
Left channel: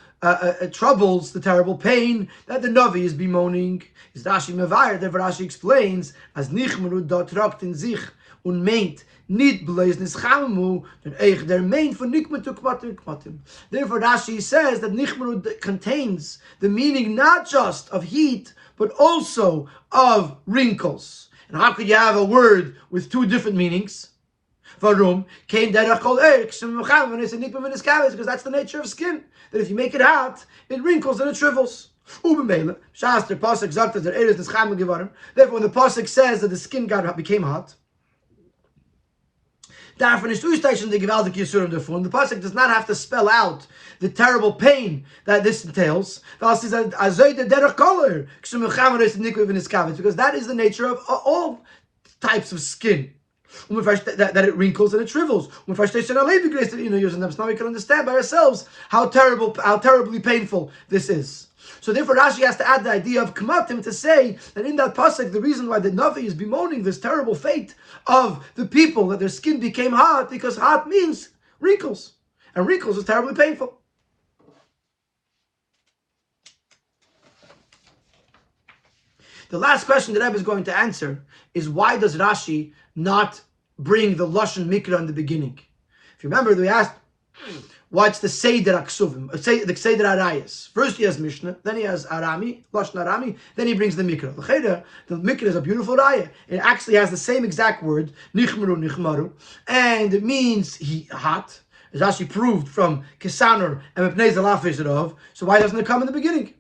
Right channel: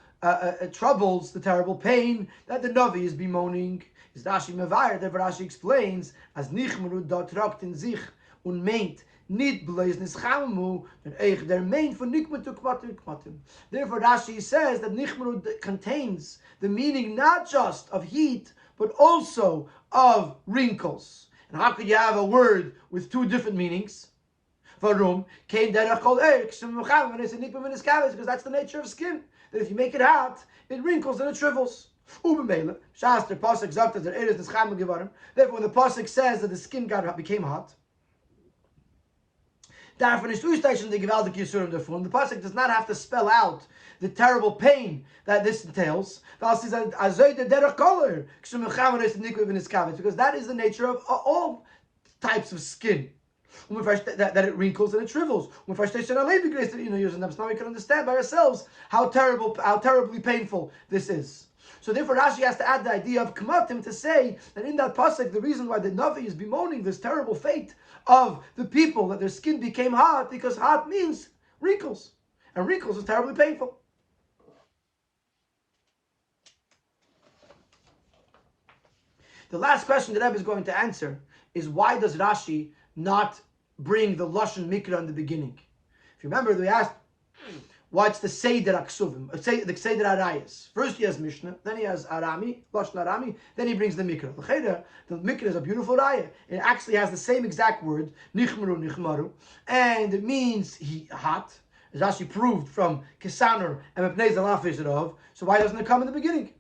troubles, the terrible pain that the Navi is bemoaning? Is Rashi mevayer? Therefore Rashi explains as nichmeru dort rakt in sich und meint nit blaze nischamu, then eich der meint for nikmetu kmatim. Therefore Rashi says that nichmeru contains the meaning not just of heat but also of wrinkles. And how could you have a word with two different meanings? Varum came derech kol because that's the nature of skin. That if you make it hot, it wrinkles and it shrivels. Therefore, when the pasuk says that the skin became hot, the pasuk does not have to spell out the terrible pain that this entails, because that is the nature of all types of skin. That it wrinkles and it shrivels. Now we can understand by ourselves how terribly painful this is. So therefore Rashi has to add the idea of kamatim to say that in that pasuk, the reason why the Navi is bemoaning this terrible fate of the people, that their skin became hot, because hot means wrinkles, and wrinkles is terribly painful. The last question that Rebbe is going to answer is, why does Rashi not bring the Lashon Mikra in the beginning? If you remember, we asked, what's the Seder Aksuvim, the Seder Arayas? First he has Mishnah, then he has Arami, Lashon Arami, then he brings the Mikra. The Mikra is a beautiful Raya. It actually has the same exact word, Nichmeru, Nichmaru, and it means hot, as Rashi proved from Kesanur and Mepnei Zalafis Rav. So why doesn't it come in the beginning?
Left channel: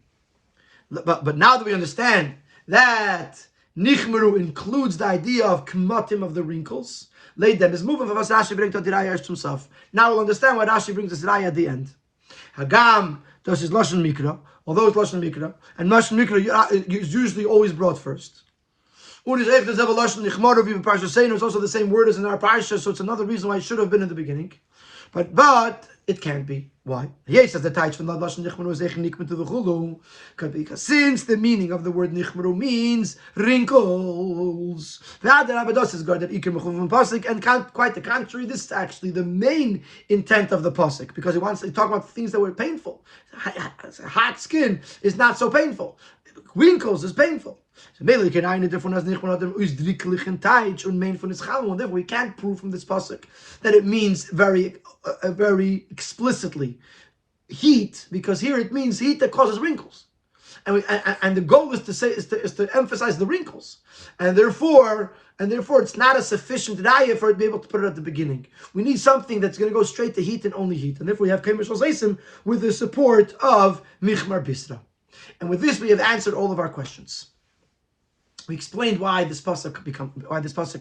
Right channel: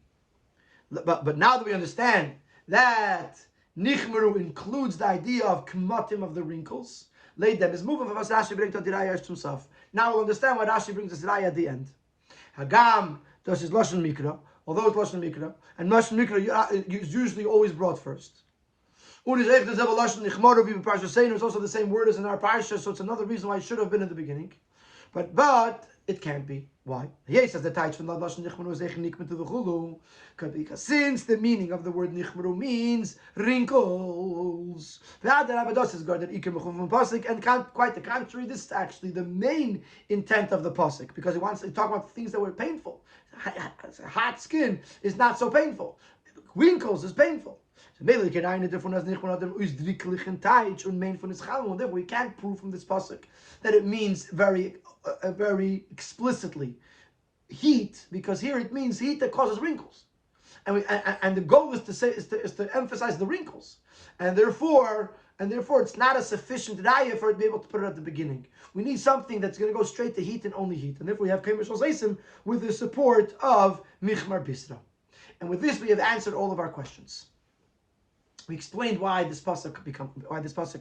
But now that we understand that Nichmeru includes the idea of kmatim, of the wrinkles, laid them is moving for us. Rashi brings the raya himself. Now we'll understand why Rashi brings this raya at the end. Hagam does his lashon mikra, although it's lashon mikra, and lashon mikra is usually always brought first. It's also the same word as in our parsha, so it's another reason why it should have been in the beginning. But it can't be. Why? Yes, says the Taich from Lashon Nichmaru is Nikmet to the Chulu. Because since the meaning of the word Nichmaru means wrinkles, and quite the contrary, this is actually the main intent of the pasuk, because he wants to talk about things that were painful. Hot skin is not so painful. Wrinkles is painful. So therefore we can't prove from this pasuk that it means very explicitly heat, because here it means heat that causes wrinkles, and the goal is to emphasize the wrinkles, and therefore it's not a sufficient raya for it to be able to put it at the beginning. We need something that's going to go straight to heat and only heat, and therefore we have Keimer Shal Zeisim with the support of Michmar Bisra. And with this, we have answered all of our questions. We explained why this pasuk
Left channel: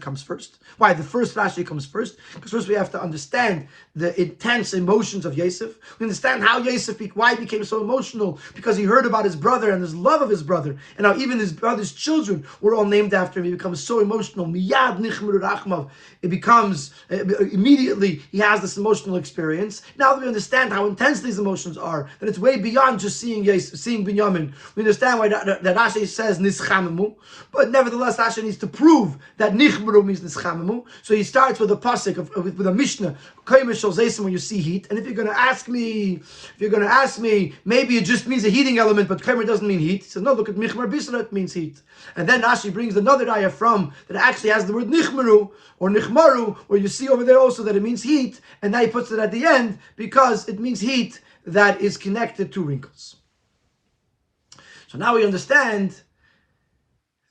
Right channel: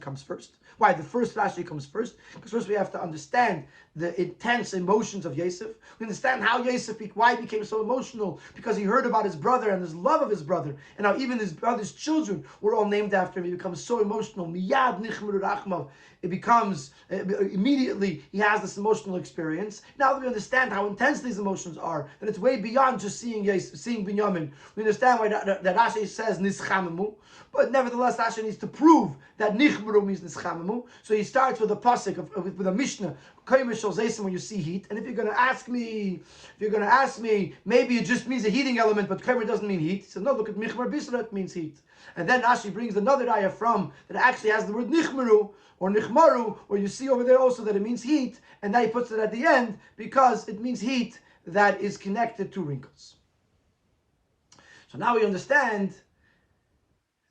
comes first, why the first Rashi comes first, because first we have to understand the intense emotions of Yosef. We understand how why he became so emotional, because he heard about his brother and his love of his brother, and how even his brother's children were all named after him. He becomes so emotional. Miyad nichmeru rachmav. It becomes immediately he has this emotional experience. Now that we understand how intense these emotions are, that it's way beyond just seeing Binyamin. We understand why that Rashi says nischamamu. But nevertheless, Rashi needs to prove that nichmeru means nischamamu. So he starts with a pasuk with a mishnah, Keimer Shal Zeisim, when you see heat. And if you're going to ask me, maybe it just means a heating element, but Keimer doesn't mean heat. He says, no, look at Michmar Bisra, it means heat. And then Rashi brings another ayah from that actually has the word nichmeru or nichmaru, where you see over there also that it means heat, and now he puts it at the end because it means heat that is connected to wrinkles. So now we understand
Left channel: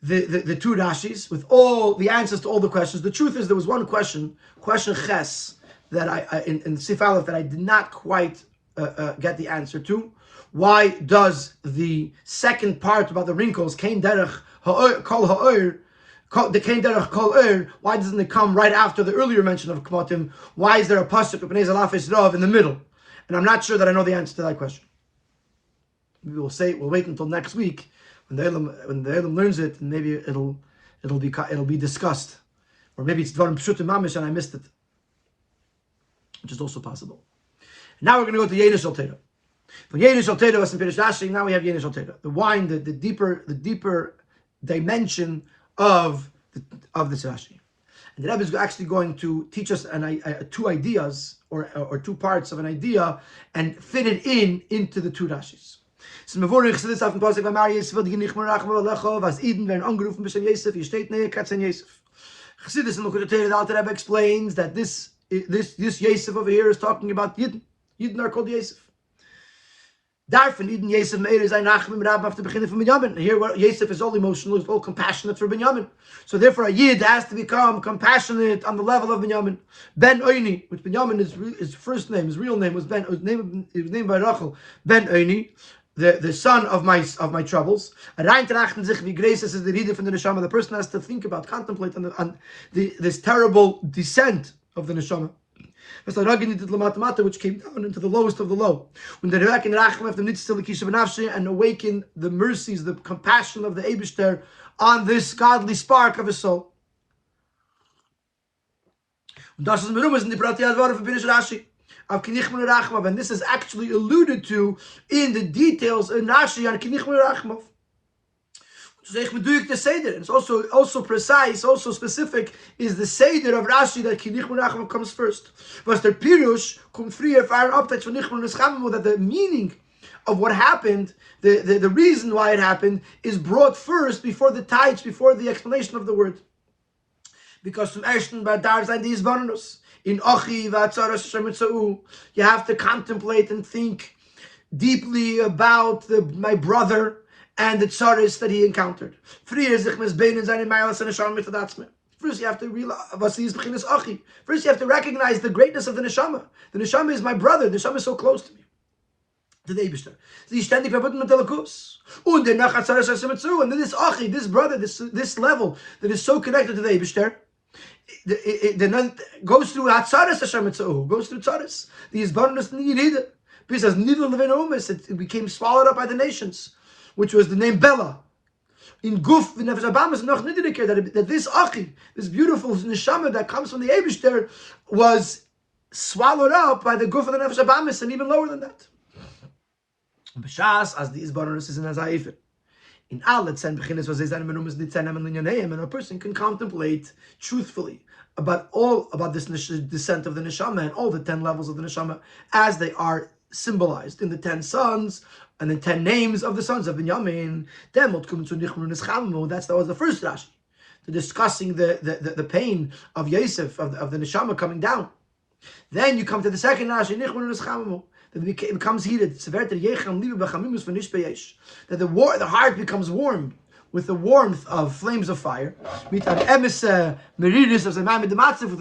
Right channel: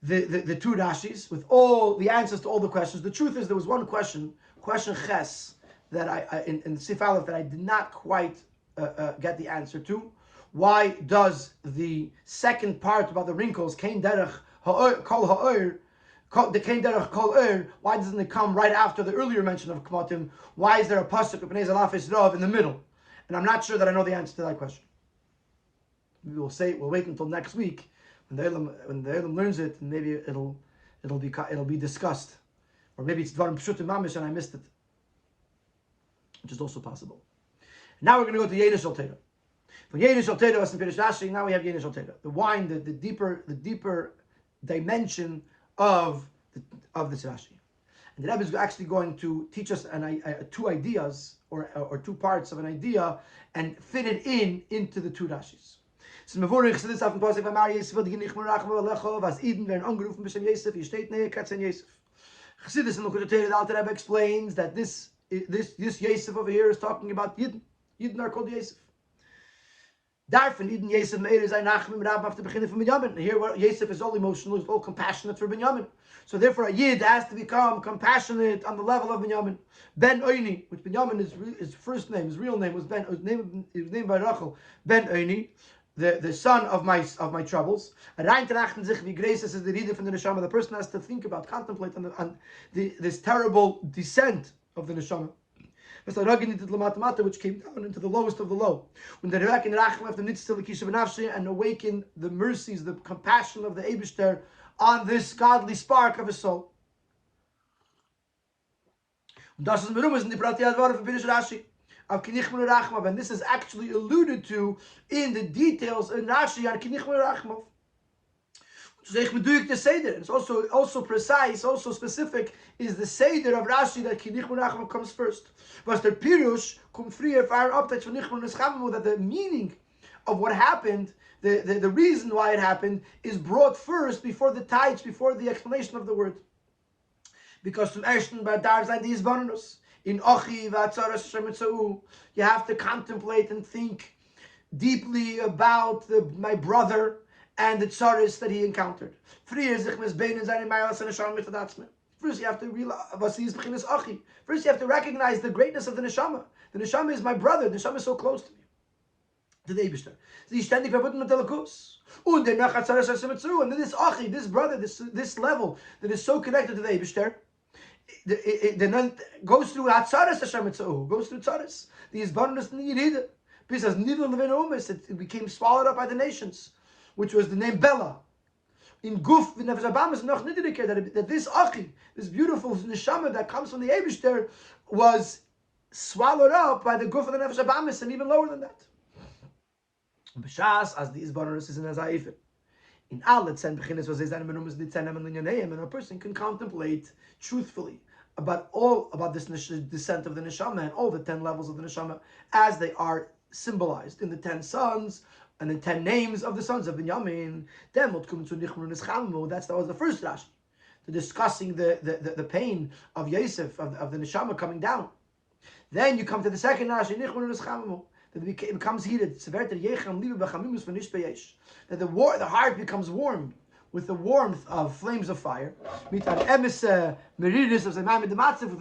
the two Rashis with all the answers to all the questions. The truth is, there was one question Ches, that I in Sif Aleph that I did not quite get the answer to. Why does the second part about the wrinkles, Kain Derech Kol Ha'or, the Kain Derech Kol Ha'or, why doesn't it come right after the earlier mention of Kmotim? Why is there a pasuk of Bnei Zalaf Rav in the middle? And I'm not sure that I know the answer to that question. We'll wait until next week when the Elam learns it, and maybe it'll be discussed, or maybe it's Dvarim Pshutim Mamish and I missed it, which is also possible. And now we're going to go to Yeinish Al Teira. From Yeinish Al Teira was in Pirish Rashi. Now we have Yeinish Al Teira, the wine, the deeper dimension of this Rashi. And the Rebbe is actually going to teach us two ideas or two parts of an idea and fit it into the two Rashis. So Mevorich said this after Pasuk by Mari Yosef die nicht mehr rachma lecho was Eden werden angerufen b'shem Yosef hier steht Miketz and Yosef. Chassidus in the Torah, the Alter Rebbe explains that this Yosef over here is talking about Yidden. Yidden are called Yosef. Darfen Eden Yosef Meir is ein Nachmim Rab after beginning from Binyamin. Here where Yosef is all emotional, is all compassionate for Binyamin. So therefore a Yid has to become compassionate on the level of Binyamin. Ben Oini, which Binyamin his first name, his real name was Ben. He was named by Rachel. Ben Oini, the son of my troubles. Rein trachten sich wie grace is the Rede from the Neshama. The person has to think about, contemplate on this terrible descent of the Neshama, which came down into the lowest of the low. And awaken the mercies, the compassion of the Eibishter on this godly spark of his soul. And this is actually alluded to in the details in Rashi on Kinichmur Rachmav. It's also precise, also specific, is the Seder of Rashi that Kinichmur Rachmav comes first. Was der Pirush kommt früher für einen Update von Nichmur Neschamamu, that the meaning of what happened, the reason why it happened, is brought first before the taich, before the explanation of the word. Because from Ashton Badar zijn these bonus. In Ochi v'atzaras shemetzau, you have to contemplate and think deeply about my brother and the tzaris that he encountered. First you have to realize, first you have to recognize the greatness of the neshama. The neshama is my brother. The neshama is so close to me. To the Eibishter. And then this Achi, this brother, this level that is so connected to the Eibishter, then goes through Hatzaris Hashem Etzahu, goes through Tzaris. The Yizbarnus Niyirida. Because Nidl Levin Omis, it became swallowed up by the nations, which was the name Bela. In Guf, in Nefesh Abamas, noch Nidrike, that this Achi, this beautiful neshama that comes from the Eibishter, was swallowed up by the guf of the nefesh abamis, and even lower than that. B'shas as the izbaronus is in azayifin. In alle 10 beginners was zijn menumas die 10 and and a person can contemplate truthfully about this descent of the neshama and all the 10 levels of the neshama as they are symbolized in the 10 sons and the 10 names of the sons of Binyamin. Then what comes to nichmur neschamamu, that was the first Rashi, discussing the pain of Yosef, of the neshama coming down. Then you come to the second Rashi, nichmur neschamamu, that it becomes heated. That the heart becomes warm with the warmth of flames of fire. With the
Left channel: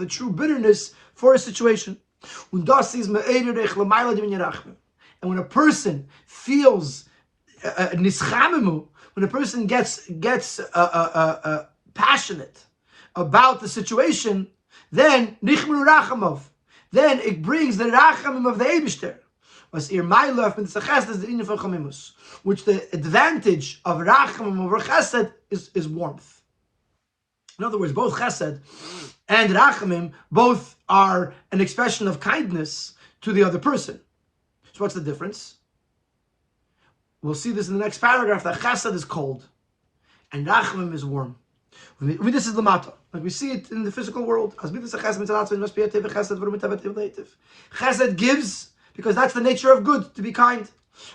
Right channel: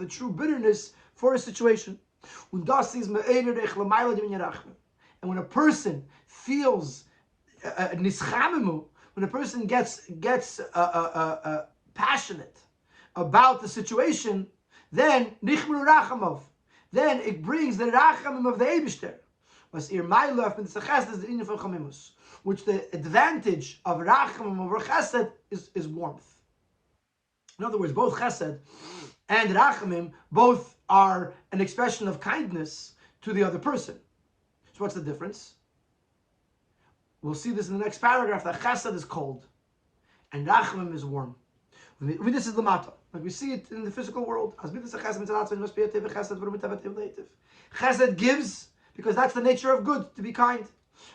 true bitterness for a situation. And when a person feels when a person gets passionate about the situation, then it brings the rachamim of the Eibishter. Which the advantage of rachamim over chesed is warmth. In other words, both chesed and rachamim both are an expression of kindness to the other person. So what's the difference? We'll see this in the next paragraph, that chesed is cold and rachamim is warm. This is lamata, like we see it in the physical world. Chesed gives, because that's the nature of good, to be kind.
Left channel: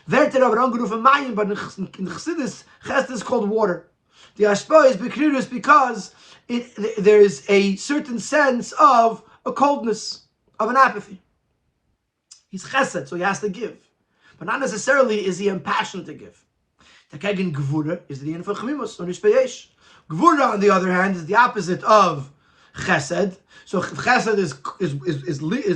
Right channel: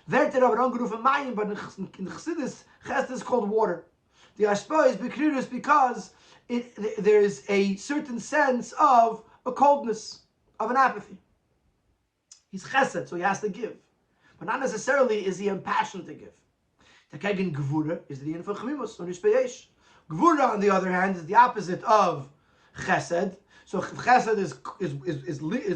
But in Chassidus, chesed is called water. The ashpa is bekrirus because there is a certain sense of a coldness, of an apathy. He's chesed, so he has to give. But not necessarily is he impassioned to give. Takegen gvura is the info chemimus, on ishpeyesh. Gvura, on the other hand, is the opposite of chesed. So chesed is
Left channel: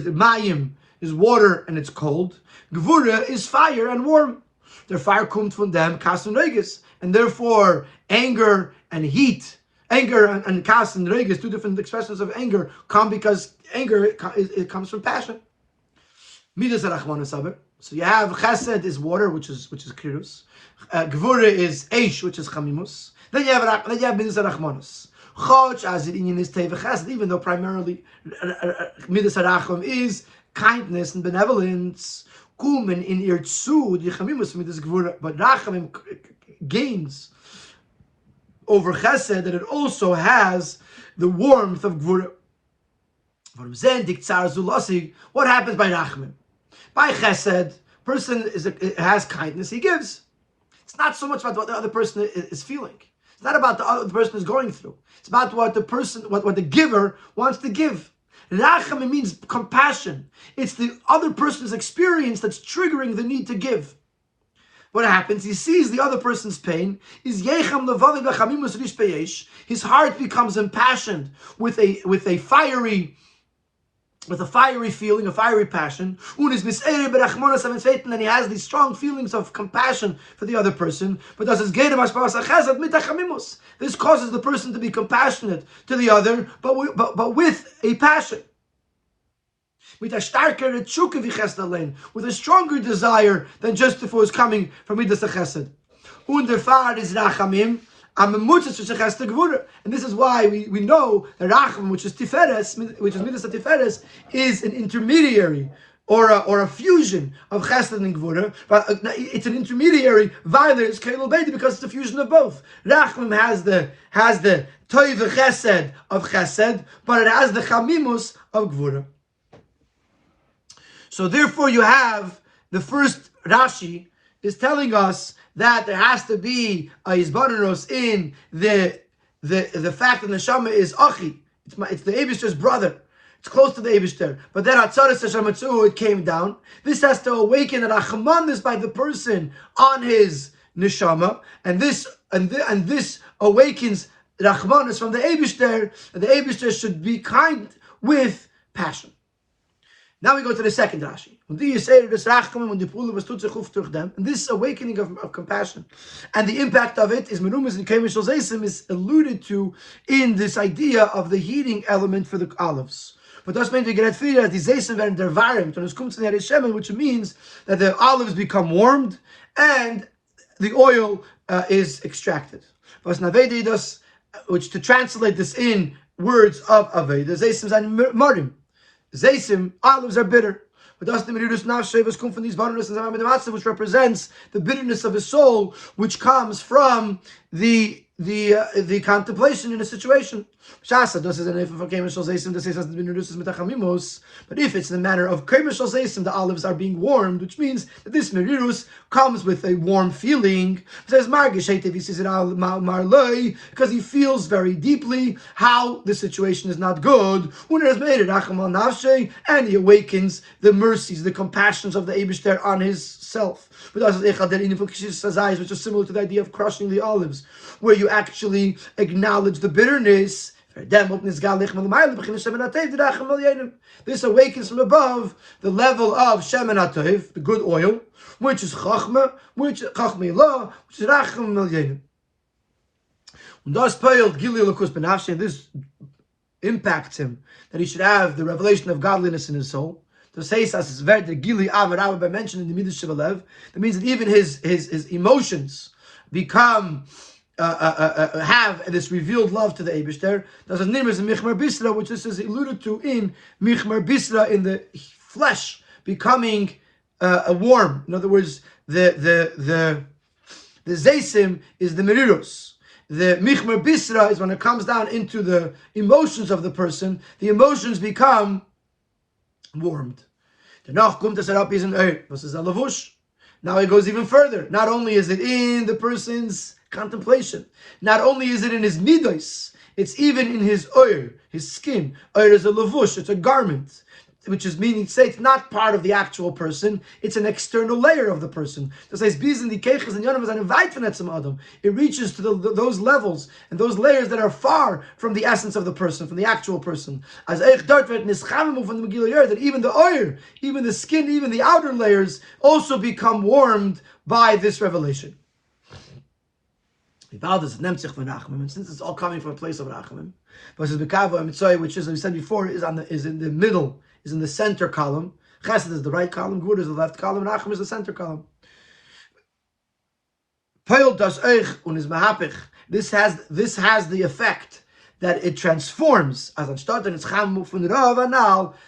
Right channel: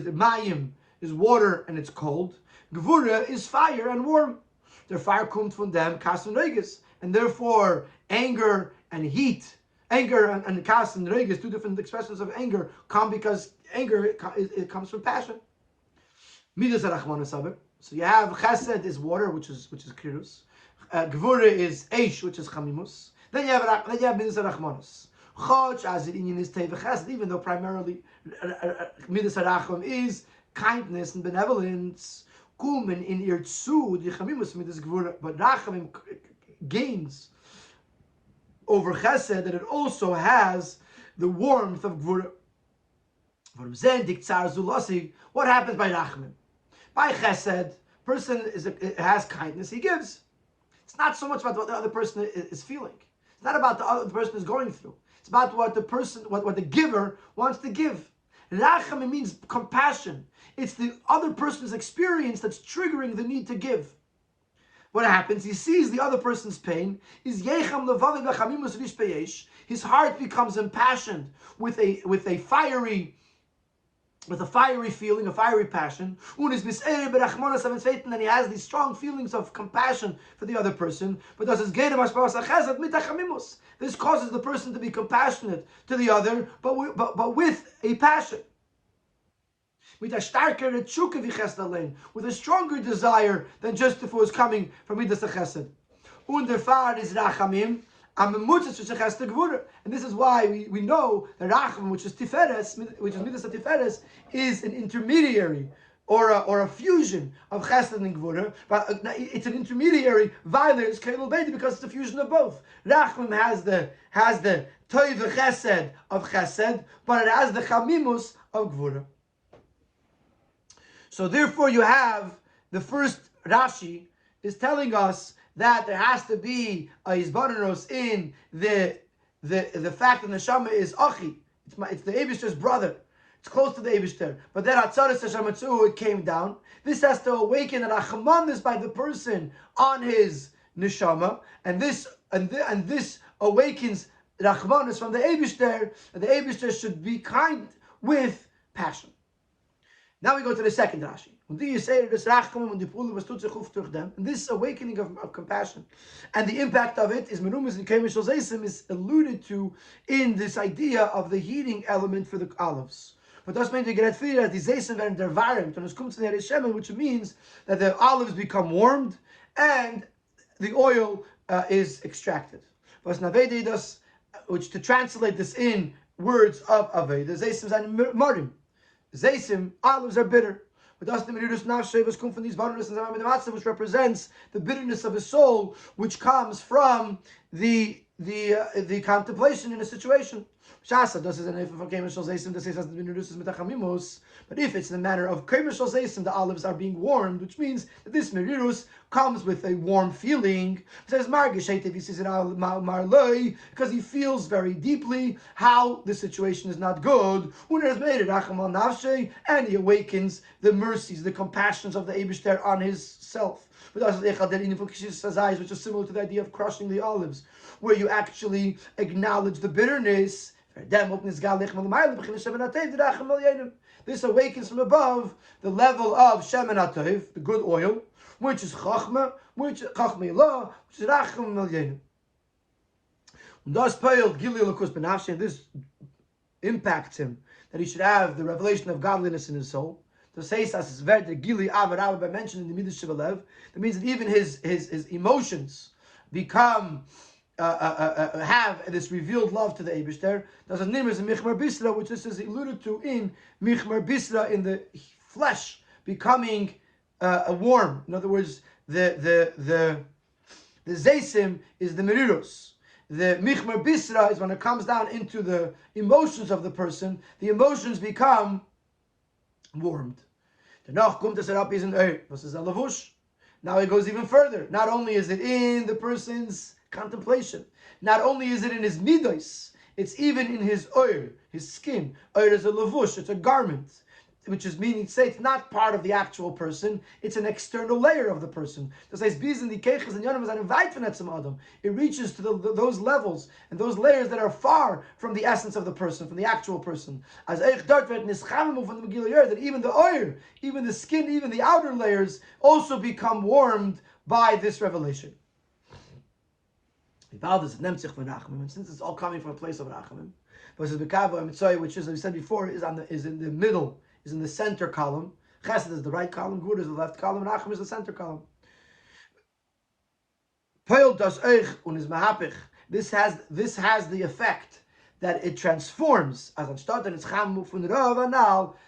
mayim, is water and it's cold. Gvura is fire and warm. Their fire comes from them, kas and regis, and therefore anger and heat, anger and kas and regis, two different expressions of anger, come because anger it comes from passion. Midas arachmana saber. So you have chesed is water, which is kirus. Gvura is eish, which is chamimus. Then you have midas arachmanas. Choch as it in is teva chesed, even though primarily midas aracham is kindness and benevolence. Kumen in irtsu the chamimus midas gvura, but rachamim gains over chesed that it also has the warmth of gvura. What happens by rachamim? By chesed, person has kindness, he gives. It's not so much about what the other person is feeling. It's not about the other person is going through. It's about what the person, what the giver wants to give. Rachamim means compassion. It's the other person's experience that's triggering the need to give. What happens? He sees the other person's pain. His heart becomes impassioned with a fiery feeling, a fiery passion. And he has these strong feelings of compassion for the other person. But this causes the person to be compassionate to the other, but with a passion. With a stronger desire than just if it was coming from Midas HaChesed. Und der Fahr is Rachamim, and this is why we know that Rachamim, which is Tiferes, which is Midas HaTiferes, is an intermediary or a fusion of Chesed and Gvura, but it's an intermediary violence because it's a fusion of both. Rachamim has the Toiv Chesed of Chesed, but it has the Chamimus of Gvura. So therefore you have the first Rashi is telling us that there has to be a Yizbanos in the fact that the Neshama is Achi. It's the Eibishter's brother. It's close to the Eibishter. But then Atzaris Hashematzu, it came down. This has to awaken a Rachmanis by the person on his Neshama. And this awakens Rachmanis from the Eibishter. And the Eibishter should be kind with passion. Now we go to the second Rashi. And this awakening of compassion and the impact of it is merumas and kemishal zeisim is alluded to in this idea of the heating element for the olives. But das meint get frida die zeisim werden der warmt und es kommt zu der shemen, which means that the olives become warmed and the oil is extracted. Which to translate this in words of Aveda, zeisim and marim. Zeisim, olives are bitter. But that's the merirus nafshe come from these bitterness and zamayim, which represents the bitterness of his soul, which comes from the contemplation in a situation. But if it's in the manner of the olives are being warmed, which means that this merirus comes with a warm feeling. It says because he feels very deeply how the situation is not good, and he awakens the mercies, the compassions of the Eibishter on his self. Which is similar to the idea of crushing the olives, where you actually acknowledge the bitterness. This awakens from above the level of shemen hatov, the good oil, which is chachma, which is chachma ilah, which is racham milyenim. This impacts him, that he should have the revelation of godliness in his soul. To say by mentioning the midas shebalev, that means that even his emotions become have this revealed love to the Eibishter. There's a name in Michmar Bisra, which this is alluded to in Michmar Bisra, in the flesh becoming warm. In other words, the Zeisim is the Merirus. The Michmar Bisra is when it comes down into the emotions of the person, the emotions become warmed. Now it goes even further. Not only is it in the person's contemplation, not only is it in his midos, it's even in his oir, his skin. Oir is a lavush, it's a garment, which is meaning to say it's not part of the actual person, it's an external layer of the person. It reaches to those levels and those layers that are far from the essence of the person, from the actual person. That even the oir, even the skin, even the outer layers also become warmed by this revelation. And since it's all coming from a place of rachamim, which, as we said before, is in the middle, is in the center column. Chesed is the right column, Gourarie is the left column, and Racham is the center column. This has the effect that it transforms, as that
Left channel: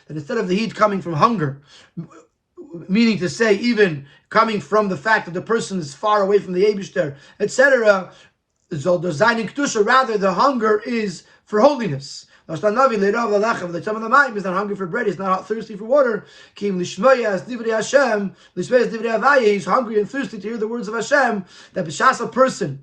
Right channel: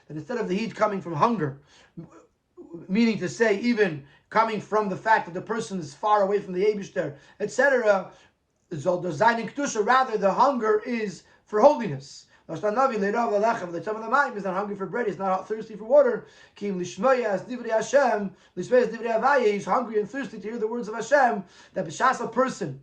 instead of the heat coming from hunger, meaning to say even coming from the fact that the person is far away from the Eibishter, etc., rather the hunger is for holiness. He's not hungry for bread, he's not thirsty for water. He's hungry and thirsty to hear the words of Hashem. That b'shas a person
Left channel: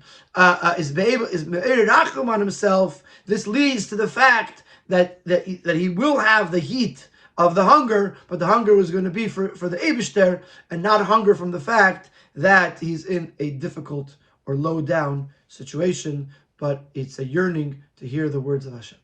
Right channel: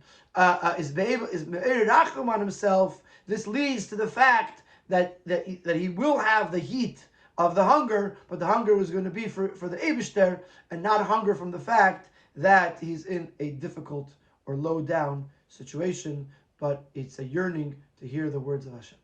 is rachum on himself. This leads to the fact that he will have the heat of the hunger, but the hunger was going to be for the Eibishter, and not hunger from the fact that he's in a difficult or low down situation, but it's a yearning to hear the words of Hashem.